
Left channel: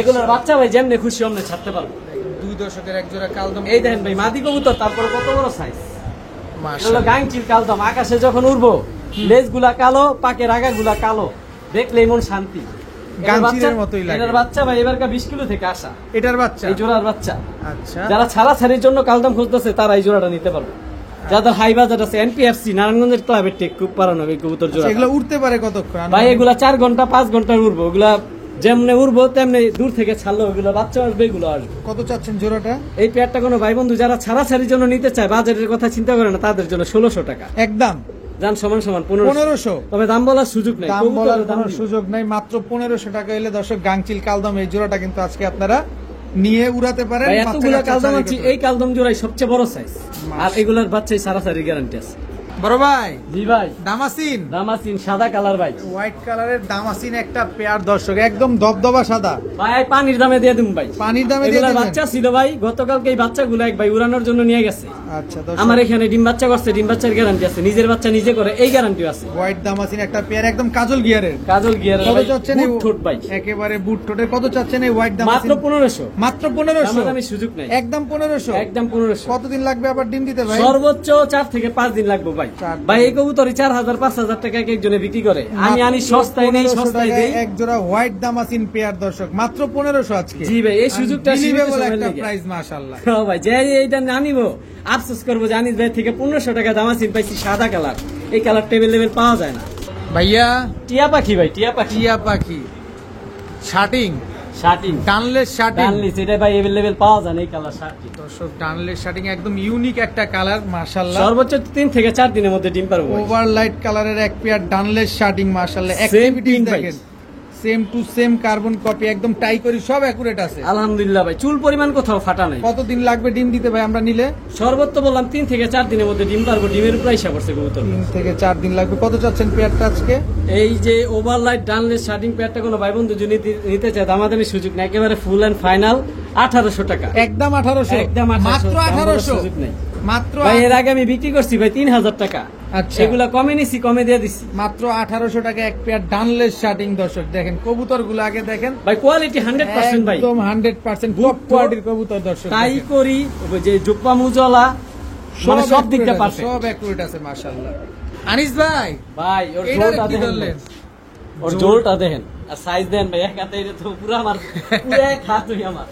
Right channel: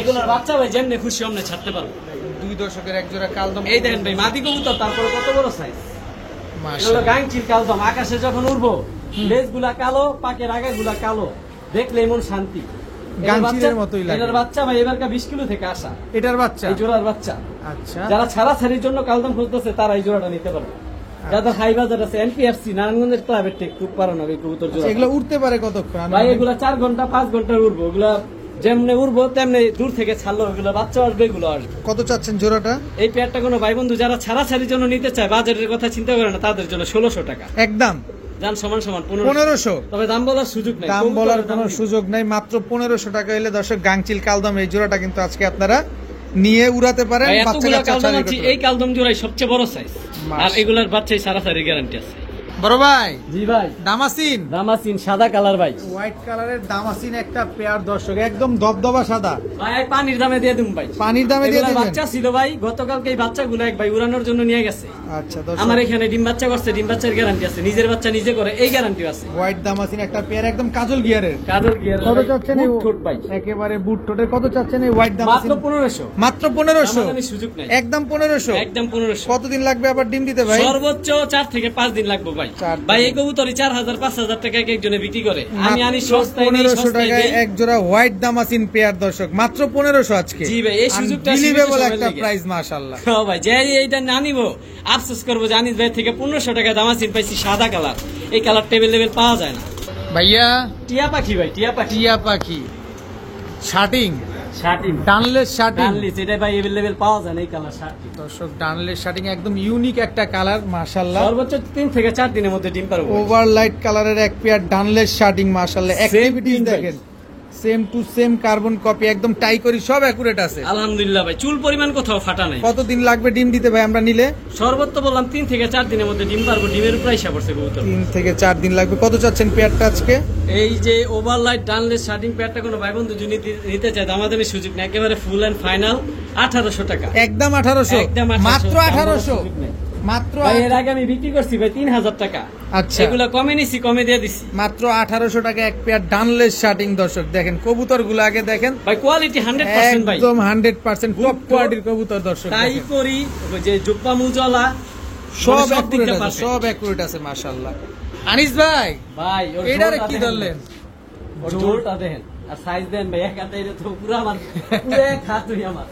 এগুলোর বাচ্চা ভাই যেমনি খুশি অমনে ছাড়তে পারবে। 2 দশকের এক জোড়া কালদম। এই দেখেন ভাই মাদি কবুতর, তারপর কত বড় সাইজ। এগুলো মাশাআল্লাহ। গাংচিল কালদম, আকাশে যখন উড়বো লেজ গুলা কালো, পাকের আগা গুলা কালো, দেখলে মন শান্তি। গাংচিলের মতোই লাগে। এটার বাচ্চা ভাই এবারকার 20 কিলো থেকে আসা, এটার বাচ্চা? এই জোড়ার বাচ্চা। আচ্ছা, যারা ছাড়াছাড়ির জন্য কালদম খুঁজতেছে তারা এই জোড়াটা নিতে পারবে। যাদের হাই বাজার আছে, এনপিএফসি নারায়ণগঞ্জের ক্লাবের টেক খুব পারানো এই কবুতর জোড়া। এগুলো উঠতে পারে কতক্ষণ ভাই এগুলা 4 ঘন্টা 5 ঘন্টা উড়বো। ওগুলা যেমনে উড়বো তেমনি দূর থেকে ছাড়লো, ওগুলো বাচ্চা আসবে, এগুলো আসবে। কত চাচ্ছেন জোড়াটা? এই পেয়ারটা কোনো ভাই বন্ধু যারা ছাড়াছাড়ির জন্য নিতে চায়, বাজারের কথা চিন্তা করে না, তাদের জন্য 1600 টাকা একদম। দাম সমান 1500। তবে দাম বলার সুযোগ নেই, দাম বলার কোনো সুযোগ নাই, মাত্র 1500 টাকা হলে দর্শক গাংচিল কালদম এই জোড়াটা কিন্তু আজকে আপনারা নিয়ে উড়াতে পারেন। এতগুলো কালদম আছে, এই কালদম জোড়াই সবচেয়ে বড় সাইজ, আর এগুলার বাচ্চাই ছাড়াছাড়ির গ্যারান্টি আছে। বড় ভাই, জি ভাই, দামাসিন দামাসিন সাদা কালার ভাই, হোয়াইট কালারের দামাসিন একটা পেয়ার দর্শক, একদম দবদবা সাদা। ভাই পানির দামে দিয়ে দিন ভাই, পানির দামে দিয়ে এগুলার দিবেন? বাচ্চা ছিল ভাই, গতকালকে এই বাচ্চাগুলো এক ভাই উড়ানোর জন্য নিয়ে গেছে। আচ্ছা দর্শক, আমার এখানে ডিম বাচ্চা করছে, ডিম বাচ্চার গ্যারান্টি আছে, নিজের বাচ্চা নিজে করে এই গ্যারান্টি আছে। হোয়াইট দামাসিন একটা পেয়ার, একদম কাজল গিয়ারের। কাজল গিয়ার কত চাচ্ছেন এই ঠোঁট ভাই? একেবারে বুট ঠোঁটের। কত চাচ্ছেন এই হোয়াইট দামাসিন? মাত্র 1500। মাত্র 1500? দামাদামির সুযোগ নাই, একদম 1500? একদম 1500। কতদিন লাগবে আবার ডিম দিতে ভাই? সর্বোচ্চ 4 থেকে 5 দিন লাগবে ভাই। 4 ভাই এই কবুতরই 4000 5000 টাকা এক একজনে বিক্রি করে, আমি আনি মাত্র সস্তায়, 1500 টাকায় এক জোড়া হোয়াইট দামাসিন পেয়ার দর্শক, মাত্র 1500 আজকে। জি ভাই, এই সুযোগটা আনবিলিভেবল সীমিত একটা সময়ের প্রাইস মাশাআল্লাহ। হ্যাঁ ভাই, যে এইটা না নিব আফসোস করবো, জানি ভাই থেকে 1500 টাকা দামাসিন পাইছি সাদা কালার, এই কালার টেবিল পাওয়া যায় না ভাইয়া টিয়া পাখি ভাই, টিয়া পাখি, টিয়া পাখি শার্টিং, শার্টিং ডানলেস শার্টিং। ডানলিস, এটা ভাই এভেলেবেল পাওয়া যায় না এই কালার শার্টিং। দর্শক, ডানলেস শার্টিং একদম ইউনিক একটা কালার মাশাআল্লাহ। সর্বোচ্চ 3 থেকে 4 দিনের মধ্যে ডিম পারবো। ওভারলাইট কালারের এক পেয়ার ডানলেস শার্টিং মাশাআল্লাহ। অ্যাক্টিভিটিস print ভাই। দেখেন, same to same carbon copy, একদম টাই করি, সব অ্যাকুরেট আছে। আলহামদুলিল্লাহ ভাই, চুল পরিমাণ কোথাও ফাটা নেই। কতদিন লাগবে ডিম দিতে ভাই আমরা নিলে? সর্বোচ্চ বললাম 3 থেকে 4 দিনের মধ্যে ডিম পারবো। ডিমের উপর হিসাব করছে কবুতর। 3 থেকে 4 দিন লাগবে। কত চাচ্ছেন পেয়ারটা আজকে? এই যে ওভারলাইট ডানলেস শার্টিং প্যাডটা কোনো ভাই বন্ধু যদি নিতে চায়, দামাদামি সুযোগ নেই, একেবারে ফুল এন্ড ফাইনাল 1800 টাকা। একদম 1800? একদম 1800, মাত্র দাম বলার 1800? সুযোগ নেই। মাত্র ভাই এর আগে আমি বিক্রি করছি ভাই 3000 টাকা। আচ্ছা, এগুলো কমে নিছি, কমে দিয়ে দিছি। মাত্র 1800 টাকা এক পেয়ার ডানলেস শার্টিং দর্শক। দেখেন কবুতর গুলো আগে দেখেন, ভাই কোয়ালিটি 100% ভাই, একদম 100% টপ কোয়ালিটির কবুতর দর্শক। তাই দেখেন। করি যে জুব্বা মুজলা সব সব দিকটা accurate আছে, পারফেক্ট। সব অ্যাকুরেট আছে মাশাআল্লাহ। আনিস ভাই, ভাই ওর এটারে জোরটা কি দেখেন, ধরলেন? ওর জোরটা দেখেন। আর সাইজ দেন ভাই, এক হাতে এটা তো পুরো আমার, পুরো এক হাত হই আমার।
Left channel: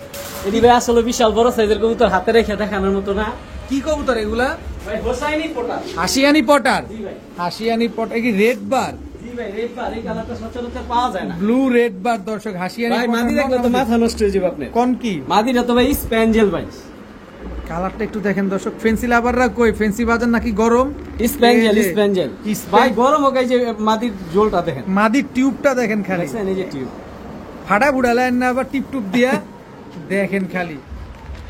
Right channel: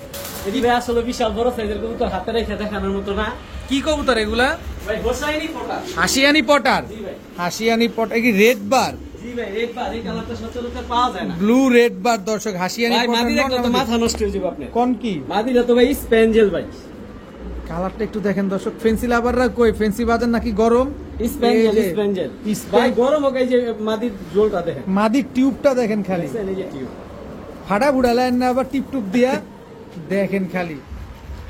এটি ভাই আসলে বিশাল বড় সাইজের কবুতর, হাতে রেখে দেখানোর মতো না। কি কবুতর এগুলা? ভাই হোসাইনি পটা। হাসিয়ানি পটার। জি ভাই। হাসিয়ানি পটার কি রেড বার? জি ভাই, রেড বার, এই কালারটা সচরাচর পাওয়া যায় না। ব্লু রেড বার দর্শক, হাসিয়ানি ভাই পটার মাদি দেখলে তো মাথা নষ্ট হয়ে যাবে আপনার। কোন কি? মাদিরা তো ভাই স্প্যাঞ্জেল ভাই। কালারটা একটু দেখেন দর্শক। ফেন্সি লাভাররা কই? ফেন্সি বাজার নাকি গরম? স্প্যাঞ্জেল, এই যে, স্প্যাঞ্জেল ভাই গরম হোক। এই যে মাদির জোলটা দেখেন, মাদির টিউবটা দেখেন খালি, দেখছেন এই যে টিউব। ফাটা বুড়ালেন না আবার টিপ টুপ দিয়া। দেখেন খালি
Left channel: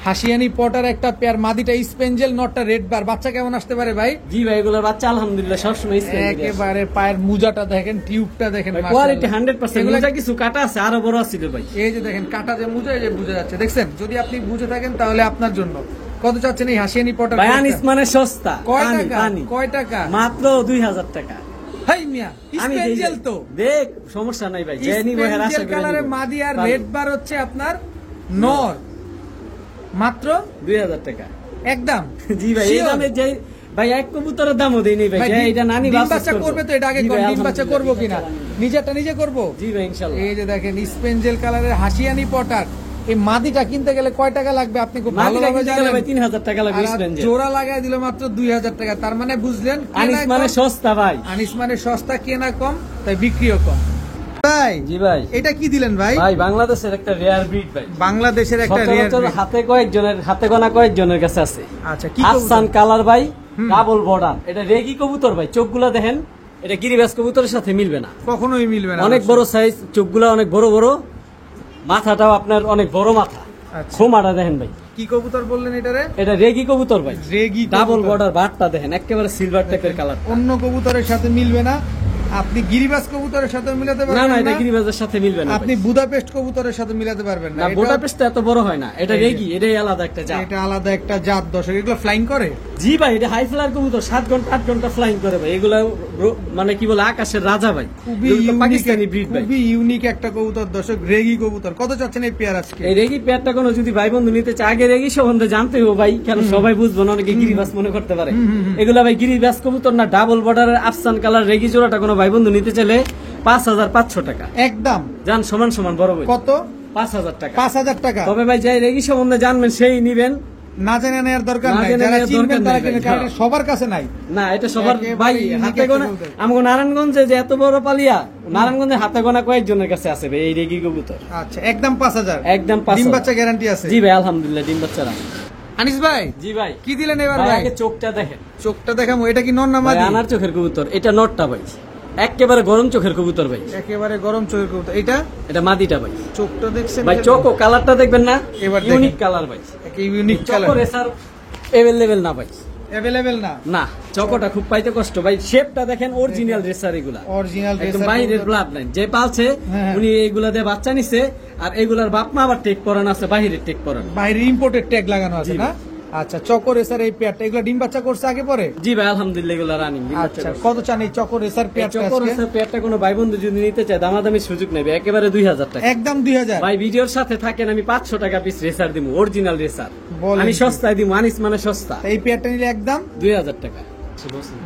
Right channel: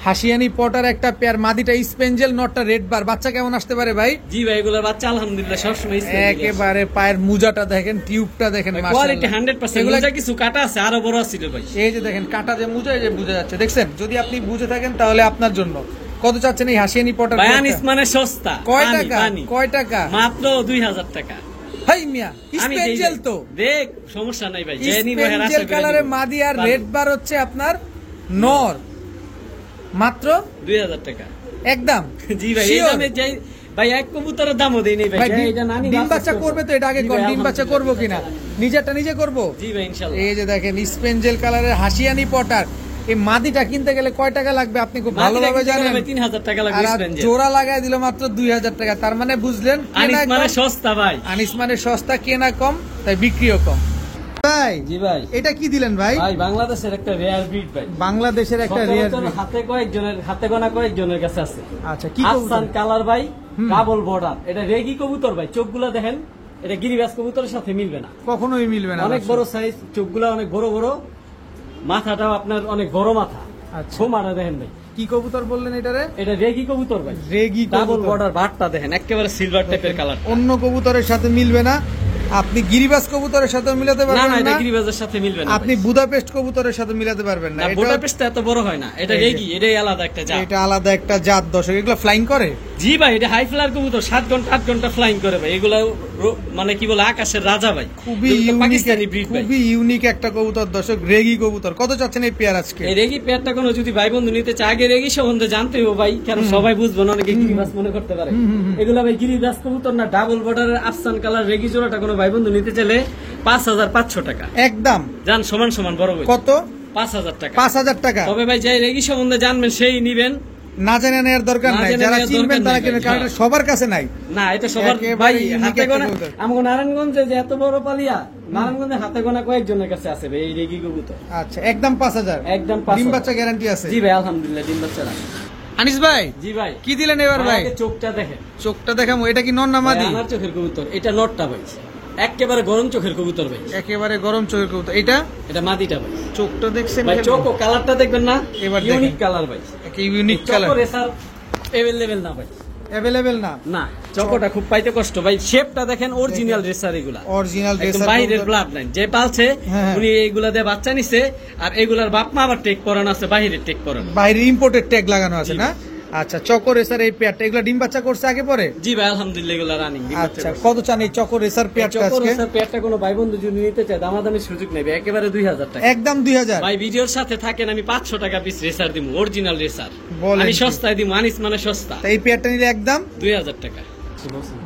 হাসিয়ানি পটার একটা পেয়ার, মাদিটা স্পেঞ্জেল, নটটা রেড বার। বাচ্চা কেমন আসতে পারে ভাই? জি ভাই, এগুলো বাচ্চা আলহামদুলিল্লাহ সবসময় একেবারে পায়ের মুজাটা দেখেন, টিউবটা দেখেন, কোয়ালিটি মাশাআল্লাহ। 100%। এগুলা এগুলা কিছু কাটা আছে, আরো বড় ছিল ভাই। এই যে দেখেন কাটা যে মুজা, এই যে বুঝা যাচ্ছে, দেখছেন? যদি আপনি বুঝে থাকেন তাহলে আপনার জন্য। কত চাচ্ছেন এই হাসিয়ানি পটার? ভাই আনিস মানে সস্তা। কয় পানি, টাকা? পানি। কয় টাকা? মাত্র 2000 টাকা। হাই মিয়া, আমি স্পেঞ্জেল তো দেখ, সমস্যা নাই ভাই, যে নিব এর আশা স্পেঞ্জেল করে কালারে নিব। মাদি আর রেড বার হচ্ছে আপনার নর, মাত্র 2000 টাকা একদম। জি ভাই, এই Sure? দামে যে ভাই এক কবুতরের দামও দেই নাই ভাই, ভাই, যে এটা নানি ডিম বাচ্চা বাচ্চা করবে তো? এটা আগে জি কোন ভাই, ডিম বাচ্চা করবো কিনা? নিজেরটা নিজে করবো। জি ভাই ইনশাআল্লাহ। এই যে দেখেন স্পেঞ্জেল কালারের হাসিয়ানি পটার, এই মাদিটা কিনতে গেলে কয় টাকা লাগবে আপনি খুব ভালোভাবে জানেন। 3000 টাকা লাগবে আর স্পেঞ্জেল। জোড়া লাগাই দিল মাত্র 2000 টাকা। তার মানে বুঝলেন আনিস কেনা মানে কম, সস্তা ভাই। আনিস মানে সস্তা, কেনা কম তাই বিক্রিও কম। ভাই জি ভাই। এটা কি দিলেন ভাই? ভাই বাংলাদেশের একটা রেয়ার ব্রিড ভাই, বাংলাদেশের একটা রেয়ার। সচরাচর হাতে গোনা কয়েকজনের কাছে আছে। আচ্ছা, কি আফসান কবুতর? কালার ভাই, ডাবল বর্ডার। এটা রেগি কবুতর ভাই, চোখগুলা দেখেন, এটা গিরিবাজ কবুতরের সাথে মিলবে না, কখনোই মিলবে না। অনেক বড় সাইজ, চোখগুলা অনেক বড় বড়, মাথাটাও আপনার অনেক বড় মাথা। আচ্ছা, খোমাটা দেখেন ভাই, কি কবুতর বললেন এটারে? এটা রেগি কবুতর ভাই। রেগি ডাবল কবুতর। বর্ডার, বাটটা দেখেন একেবারে সিলভার টাইপের কালার। অন্য কবুতরের সাথে মিলবে না। আপনি গিরিবাজ কবুতরের সাথে মিলাতে না পারবেন না, এটা না, গিরিবাজের সাথে মিলবে না। আপনি বুদাপেস্ট কবুতরের সাথে মিলাতে পারবেন না। না, এটা বুদাপেস্ট এত বড় হয় না, এটা এই যে। রেগি, এটাই আলাদা একটা জাত। এটা আলাদা একটা জাত দর্শক। এগুলো ফ্লাইং করে? জি ভাই, এটা হাই ফ্লায়ার কবুতর, 7 ঘন্টা 8 ঘন্টা ফ্লাইং করে ভাই। এগুলা মানে কি বলে, আকাশের রাজা ভাই। খুবই এগুলো তো ইউনিক, পাকিস্তানি ব্রিড ভাই। খুবই ইউনিক একটা কবুতর দর্শক, রেগি কবুতর। কত চাচ্ছেন এই পেয়ার আজকে? এই রেগি পেয়ারটা কোনো যদি ভাই বন্ধু নিতে চায়, আগে রেগি সম্বন্ধে জানতে হবে ভাই, কেন সবাই বুঝবো না, অনেকে গিরিবাজ মনে করতে পারে। এগুলা ভাই গিরিবাজ কবুতর না, ডাবল বর্ডারের আফসান কালার রেগি জোড়াটা কোনো ভাই বন্ধু নিতে চাইলে 5500 টাকা একদম জান, সমান সমান বড় ভাই। কত? 5000 টাকা। 5000 টাকা। তবে ভাই যাই রেগি সম্বন্ধে জানবেন সেই নিবেন, না জেনে নেওয়ার দরকার না নাই, জেনে যারা নেওয়ার চিনবেন দরকার তারা নেই কিনবেন, ভাই, কারণ হ্যাঁ। এটা সবার কাছে নাই। না এটা সবার একেবারে ভাই unique হাতে একটা গোনা। কবুতর। আমাকে নারায়ণগঞ্জে যে এত বড় পালিয়া, নারায়ণগঞ্জে হাতে গোনা কয়েকজনের কাছে আছে ভাই এই রেগি কবুতর। আচ্ছা, একদম 5000। একদম 5000। ডিম বাচ্চা গ্যারান্টি আছে? জি ভাই আলহামদুলিল্লাহ, ডিম বাচ্চা রাখে। আনিস ভাই জি ভাই। কি দিলেন এবার ভাই? আগে চোখটা দেখেন, চোখটা দেখামো। এটা কি নর না ভাই মাদি? আনার চোখের কবুতর, এটা নটটা ভাই, একেবারে গরম চোখের কবুতর ভাই। একেবারে গরম চোখের কবুতর। এটা এটা মাদিটা ভাই। চোখটা দেখছেন ভাই চোখ ও কালারটা দেখবেন না, এবার দেখেন। ইউনিক কালার ভাই। Unique colour. Choco racer available না ভাই, অ্যাভেলেবেল না? না চকোটা খুব পাইতে কষ্ট ভাই। শেপটা দেখেন, অরিজিনাল রেসার এগুলা, অরিজিনাল একদম রেসার বাইরের ব্লাড লাইন। যে পালছে হ্যাঁ। উনি এইগুলা দিয়ে বাচ্চা নিছে, আর এগুলার বাপ মা আবার টেক করানো আছে, বাইরের টেক করানো। বাইরে ইম্পোর্টেড ট্যাগ লাগানো আছে জি। না? আচ্ছা, চকো রেসার এই পেয়ারটা, এগুলো ডিম বাচ্চা করছে আগে পরে? জি ভাই আলহামদুলিল্লাহ, এগুলা রানিং। আচ্ছা, কত চান এই চকো রেসার পেয়ারটা চকো আজকে? রেসার পেয়ারটা কোনো ভাই বন্ধু যদি নিতে চায়, দামাদামি সুযোগ নেবে, একেবারে 2000 টাকা। একদম 2000। ভাই ভিডিওর সাথে থাকেন, আমি 500 টাকা পিস রেসার দিব, অরিজিনাল রেসার। বলেন আমি কি? সস্তায় দিব, আনিস মানে সস্তা, তা এই পেয়ারটা নিলে একদম 2000 টাকা।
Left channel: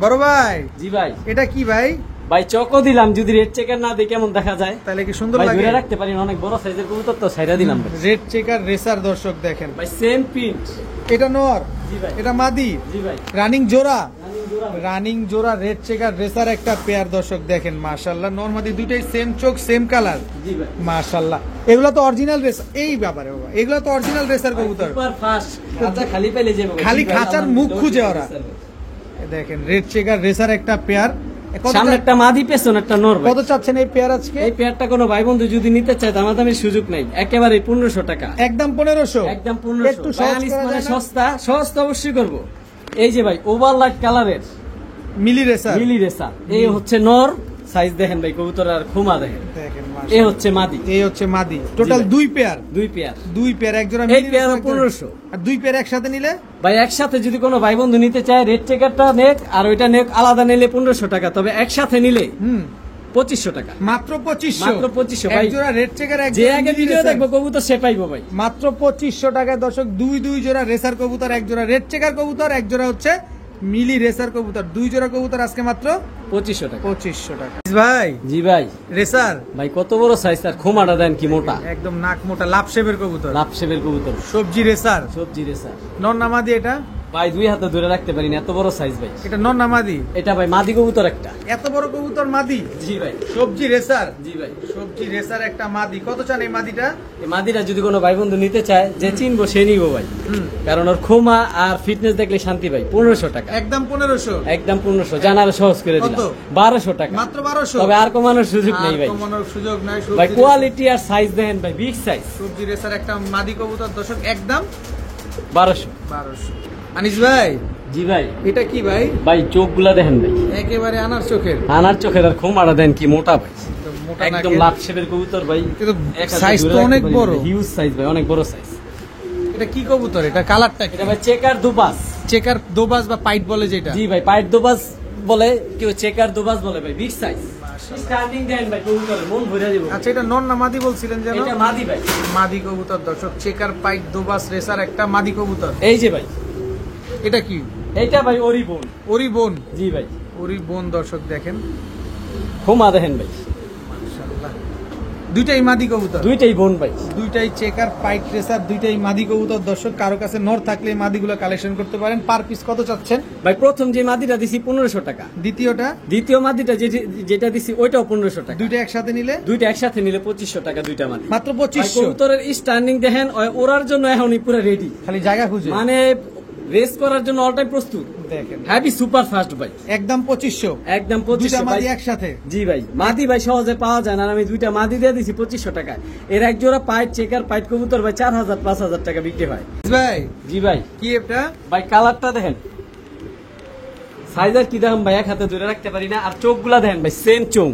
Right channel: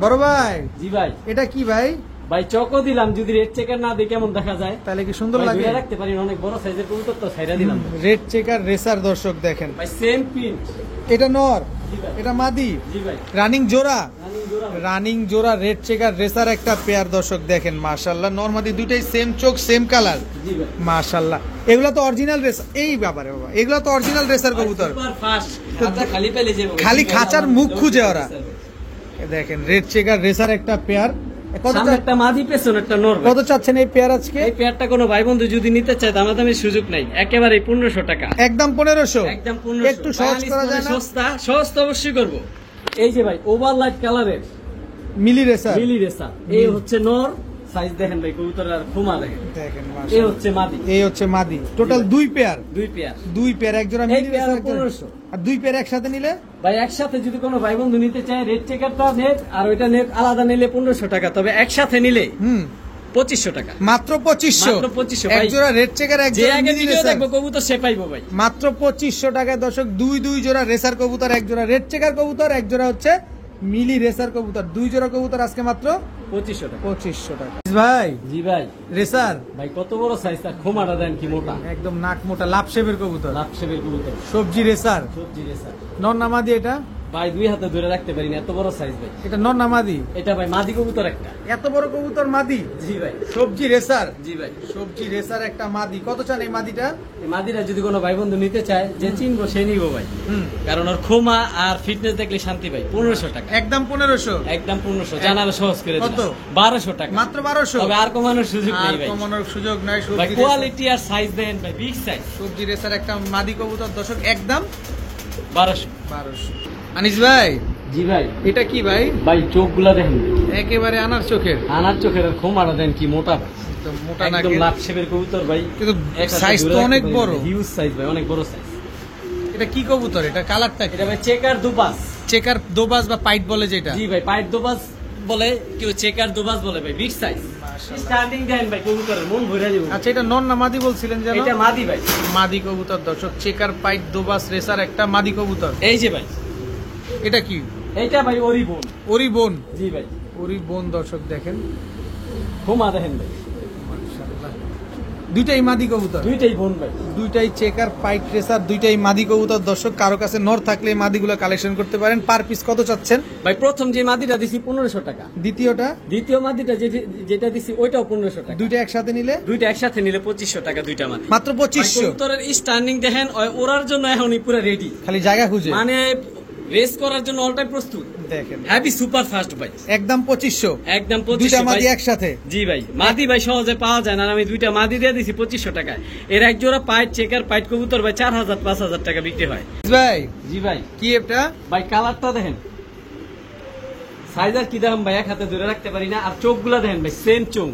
বড় ভাই। জি ভাই। এটা কি ভাই? ভাই চকো দিলাম, যদি রেড চেকার না দিই কেমন দেখা যায়? তাহলে কি সুন্দর ভাই লাগে? ধরে রাখতে পারি, অনেক বড় সাইজের কবুতর তো, ছাইরা দিলাম ভাই। রেড চেকার রেসার দর্শক দেখেন। ভাই সেম প্রিন্ট। এটা নর, জি ভাই। এটা মাদি, জি ভাই। রানিং জোড়া। রানিং জোড়া ভাই। রানিং জোড়া রেড চেকার রেসার একটা পেয়ার দর্শক দেখেন। মাশাআল্লাহ, নরমাদি দুইটাই সেম চোখ সেম কালার। জি ভাই। মাশাআল্লাহ, এগুলো তো অরিজিনাল রেসার। এই ব্যাপারে বাবা, এগুলো তো অরিজিনাল রেসার কবুতর। সুপার ফাস্ট, খাঁচা খালি পেলে যাবে। খালি খাঁচার মুখ খুঁজে ওরা। এ দেখেন রেড চেকার রেসার একটা পেয়ার। সামনে একটা মাদি, পেছনে একটা নর ভাই। কত চাচ্ছেন এই পেয়ার আজকে? এই পেয়ারটা কোনো ভাই বন্ধু যদি নিতে চায়, দামাদামির সুযোগ নাই, একেবারে 1500 টাকা। একদম 1500। একদম 1500। একটু সহজ করা যায় না? সস্তা, সহজ তো অবশ্যই করব। এই যে ভাই ওভার লাইট কালারের মিলি রেসার। মিলি রেসার, এই হচ্ছে নর। সাইজ দেখেন ভাই কবুতরের, আর খুমা দেখেন। দেখেন এই মাশাআল্লাহ, হচ্ছে মাদি। এই হচ্ছে মাদি। টোটাল জি ভাই। 2 পেয়ার। 2 পেয়ার। 2 পেয়ার, এক জোড়া এই মিলি পেয়ারও রেসার, 1500। আর 2 পেয়ার একসাথে নিলে ভাই একসাথে যদি কোনো ভাই বন্ধু নিতে চায়, রেড চেকারটা নেক আর ওইটা নেক আলাদা নিলে 1500 টাকা। তবে একসাথে নিলে 2500 টাকা। মাত্র 2500। মাত্র 2500 এক ভাই। জোড়া রেড চেকার, এক যে জোড়া আগে মিলি ভিডিও রেসার। দেখবো কবুতর সে পাইবো ভাই। মাত্র 2500 টাকায় দর্শক দুই জোড়া রেসার কবুতর, এক জোড়া রেড চেকার কবুতর, এক জোড়া হচ্ছে মিলি রেসার কবুতর, 2 জোড়া কবুতর আজকে মাত্র 2500 টাকা। 2500 টাকা। ভাই জি ভাই, রেসার ভাই কত বড় সাইজ, তার খোমাটা দেন কি মোটা, একদম নাক মোটা লাভ শেপের কবুতর, লাভ শেপের কবুতর, সবজি রেসার, সবজি রেসার। নর নামাদি এটা ভাই 2 হাতে ধরে রাখতে পারি না, এত বড় সাইজ ভাই। এটা নর নামাদি, এটা ভাই মাদি কবুতর একটা। এত বড় কবুতর মাদি? জি ভাই। সবজি রেসার, জি ভাই। সবজি রেসার একটা মাদি। কত চান এই মাদিটা? এই মাদিরা যদি কোনো ভাই বন্ধু নিতে চায়, যে চিনবো সে নিবো ভাই, কারণ ওর খোমা আর ফিটনেস দেখলে শান্তি ভাই। 1500 টাকা একদম 1500, একদম 1500। জানার সহজ করে দিলাম। কত? 1200 টাকা মাত্র 1200। তবে আর কমানোর সুযোগ আর নেই ভাই। কমানোর সুযোগ নাই। ভাই সবজি কোয়ালিটি আর সাইজ দেন ভাই, বিগ সাইজ। সবজি রেসার একটা মাদি কবুতর দর্শক, একদম 1200। 1200। আনিস ভাই জি ভাই। এটা কি ভাই? ভাই চোখগুলা দেখেন ভাই, একেবারে আনার চোখের, আনার চোখের। আর খোমাটা দেন কি মোটা ভাই, একদম মোটা একদম নাকের। লাভ শেপের কবুতর ভাই। কিন্তু সাইজ তো অনেক বড়, হিউজ সাইজ ভাই, অনেক বড় সাইজ। এটা কি কবুতর? এটা কালারটা এটা ভাই চেকার দুবাস। চেকার দোবাজ বা পাইট বলে যেটা। জি ভাই, পাইট দুবাস বলে, কেউ চেকার দুবাস বলে ভাই। Big size. মাশাআল্লাহ। স্টার্টিং দেন ভাই, কবুতরের মন ভরে দিব। আচ্ছা এটা নন না মাদি বলছিলেন যেন? এটা মাদি ভাই। মাদি কবুতর দর্শক, চেকার পাইট দোবাস রেসার একটা মাদি কবুতর। এই যে ভাই, এটা কি? এইটা ভাই ওরি বোন। ওরি বোন। জি ভাই। ওরি বোন দর্শক দেখেন, খোমা দেখেন ভাই, মাশাআল্লাহ। দুইটাই মাদি কবুতর, দুইটাই বোন ভাই। দুইটাই চেকার পাইট রেসার, দুইটাই মাদি কবুতর দর্শক। কারো কাছে নর থাকলে এই মাদিগুলো কালেকশন করতে পারেন। পার পিস কত চাচ্ছেন? ভাই প্রথম যে মাদিটা দিছি 1500 টাকা, দ্বিতীয়টা? দ্বিতীয় মাদিটা যেটা দিছি ওইটাও 1500 টাকা। দুইটা একসাথে নিলে? দুইটা একসাথে নিলে 2500 টাকা দুইটা মাদি। মাত্র 2500। কবুতরের স্ট্যান্ডিং দেখেন, ওরার জন্য এখনই পুরো রেডি, খালি জায়গা খুঁজে, মানে রেস করার জন্য অল টাইম প্রস্তুত। দেখেন হ্যাপি সুপার ফাস্ট ভাই, একদম 2500। একদম দুইটা 2500 মাদি ভাই। একসাথে? জি ভাই, মাদি ভাই সহজে পাওয়া যায় না, আর আমি দুইটা মাদি দিয়ে দিছি 2500 টাকায়। এর এক জোড়া পাইট চেকার পাইট কবুতর ভাই 4000 5000 টাকা বিক্রি হয়। ভাই জি ভাই। কি এটা? ভাই কালারটা দেখেন, সাইজার কি দাম ভাই, এক হাতে ধরে রাখতে পারি না। আর চোখগুলা দেখেন ভাই, সেম চোখ,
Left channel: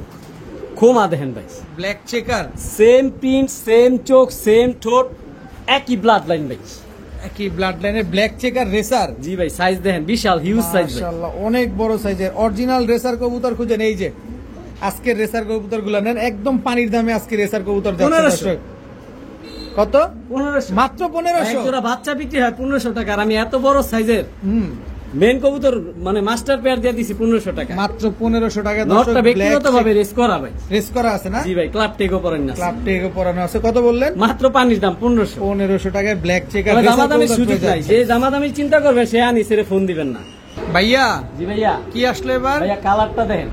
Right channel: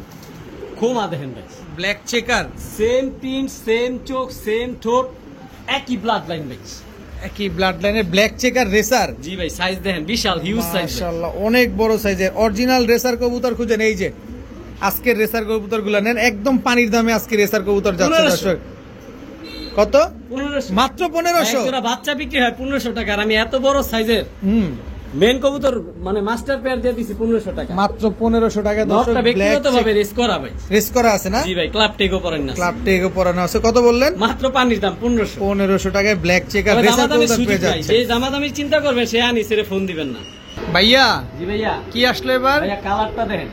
খোমা দেখেন ভাই, black checker, same pin, same চোখ, সেম ঠোঁট, একই ব্লাড লাইন ভাই। একই ব্লাড লাইনের ব্ল্যাক চেকার রেসার। জি ভাই, সাইজ দেখেন বিশাল হিউজ সাইজ। মাশাআল্লাহ অনেক বড় সাইজের অরিজিনাল রেসার কবুতর খুঁজেন। এই যে আজকের রেসার কবুতর গুলা নেন, একদম পানির দামে আজকে রেসার কবুতর যাচ্ছে 1500 দর্শক। কত? 1500 মাত্র 1500। জোড়া বাচ্চা বিক্রি হয় 1500 টাকা, আর আমি এত বড় সাইজের মেন কবুতর মানে মাস্টার পেয়ার দিয়ে দিছি 1500 টাকা। মাত্র 1500 টাকা দর্শক। নটটা ব্যক্তিগত ভাবে রেস করা ভাই, রেস করা আছে না? জি ভাই, ক্লাব টেগও পড়েন না, ক্লাব টেগও পরানো আছে। কত বললেন? মাত্র পানির দাম 1500। 1500 টাকায় ব্ল্যাক চেকার তবে রেসার দামাদামির কবুতর সুযোগ পেয়ে নাই। যাচ্ছে। যে দামাদামি চিন্তা করবে সে আনিসের ফোন দিবেন না। ভাইয়া জি ভাইয়া। কি আসলো এবার? ভাইয়া কালারটা দেখেন,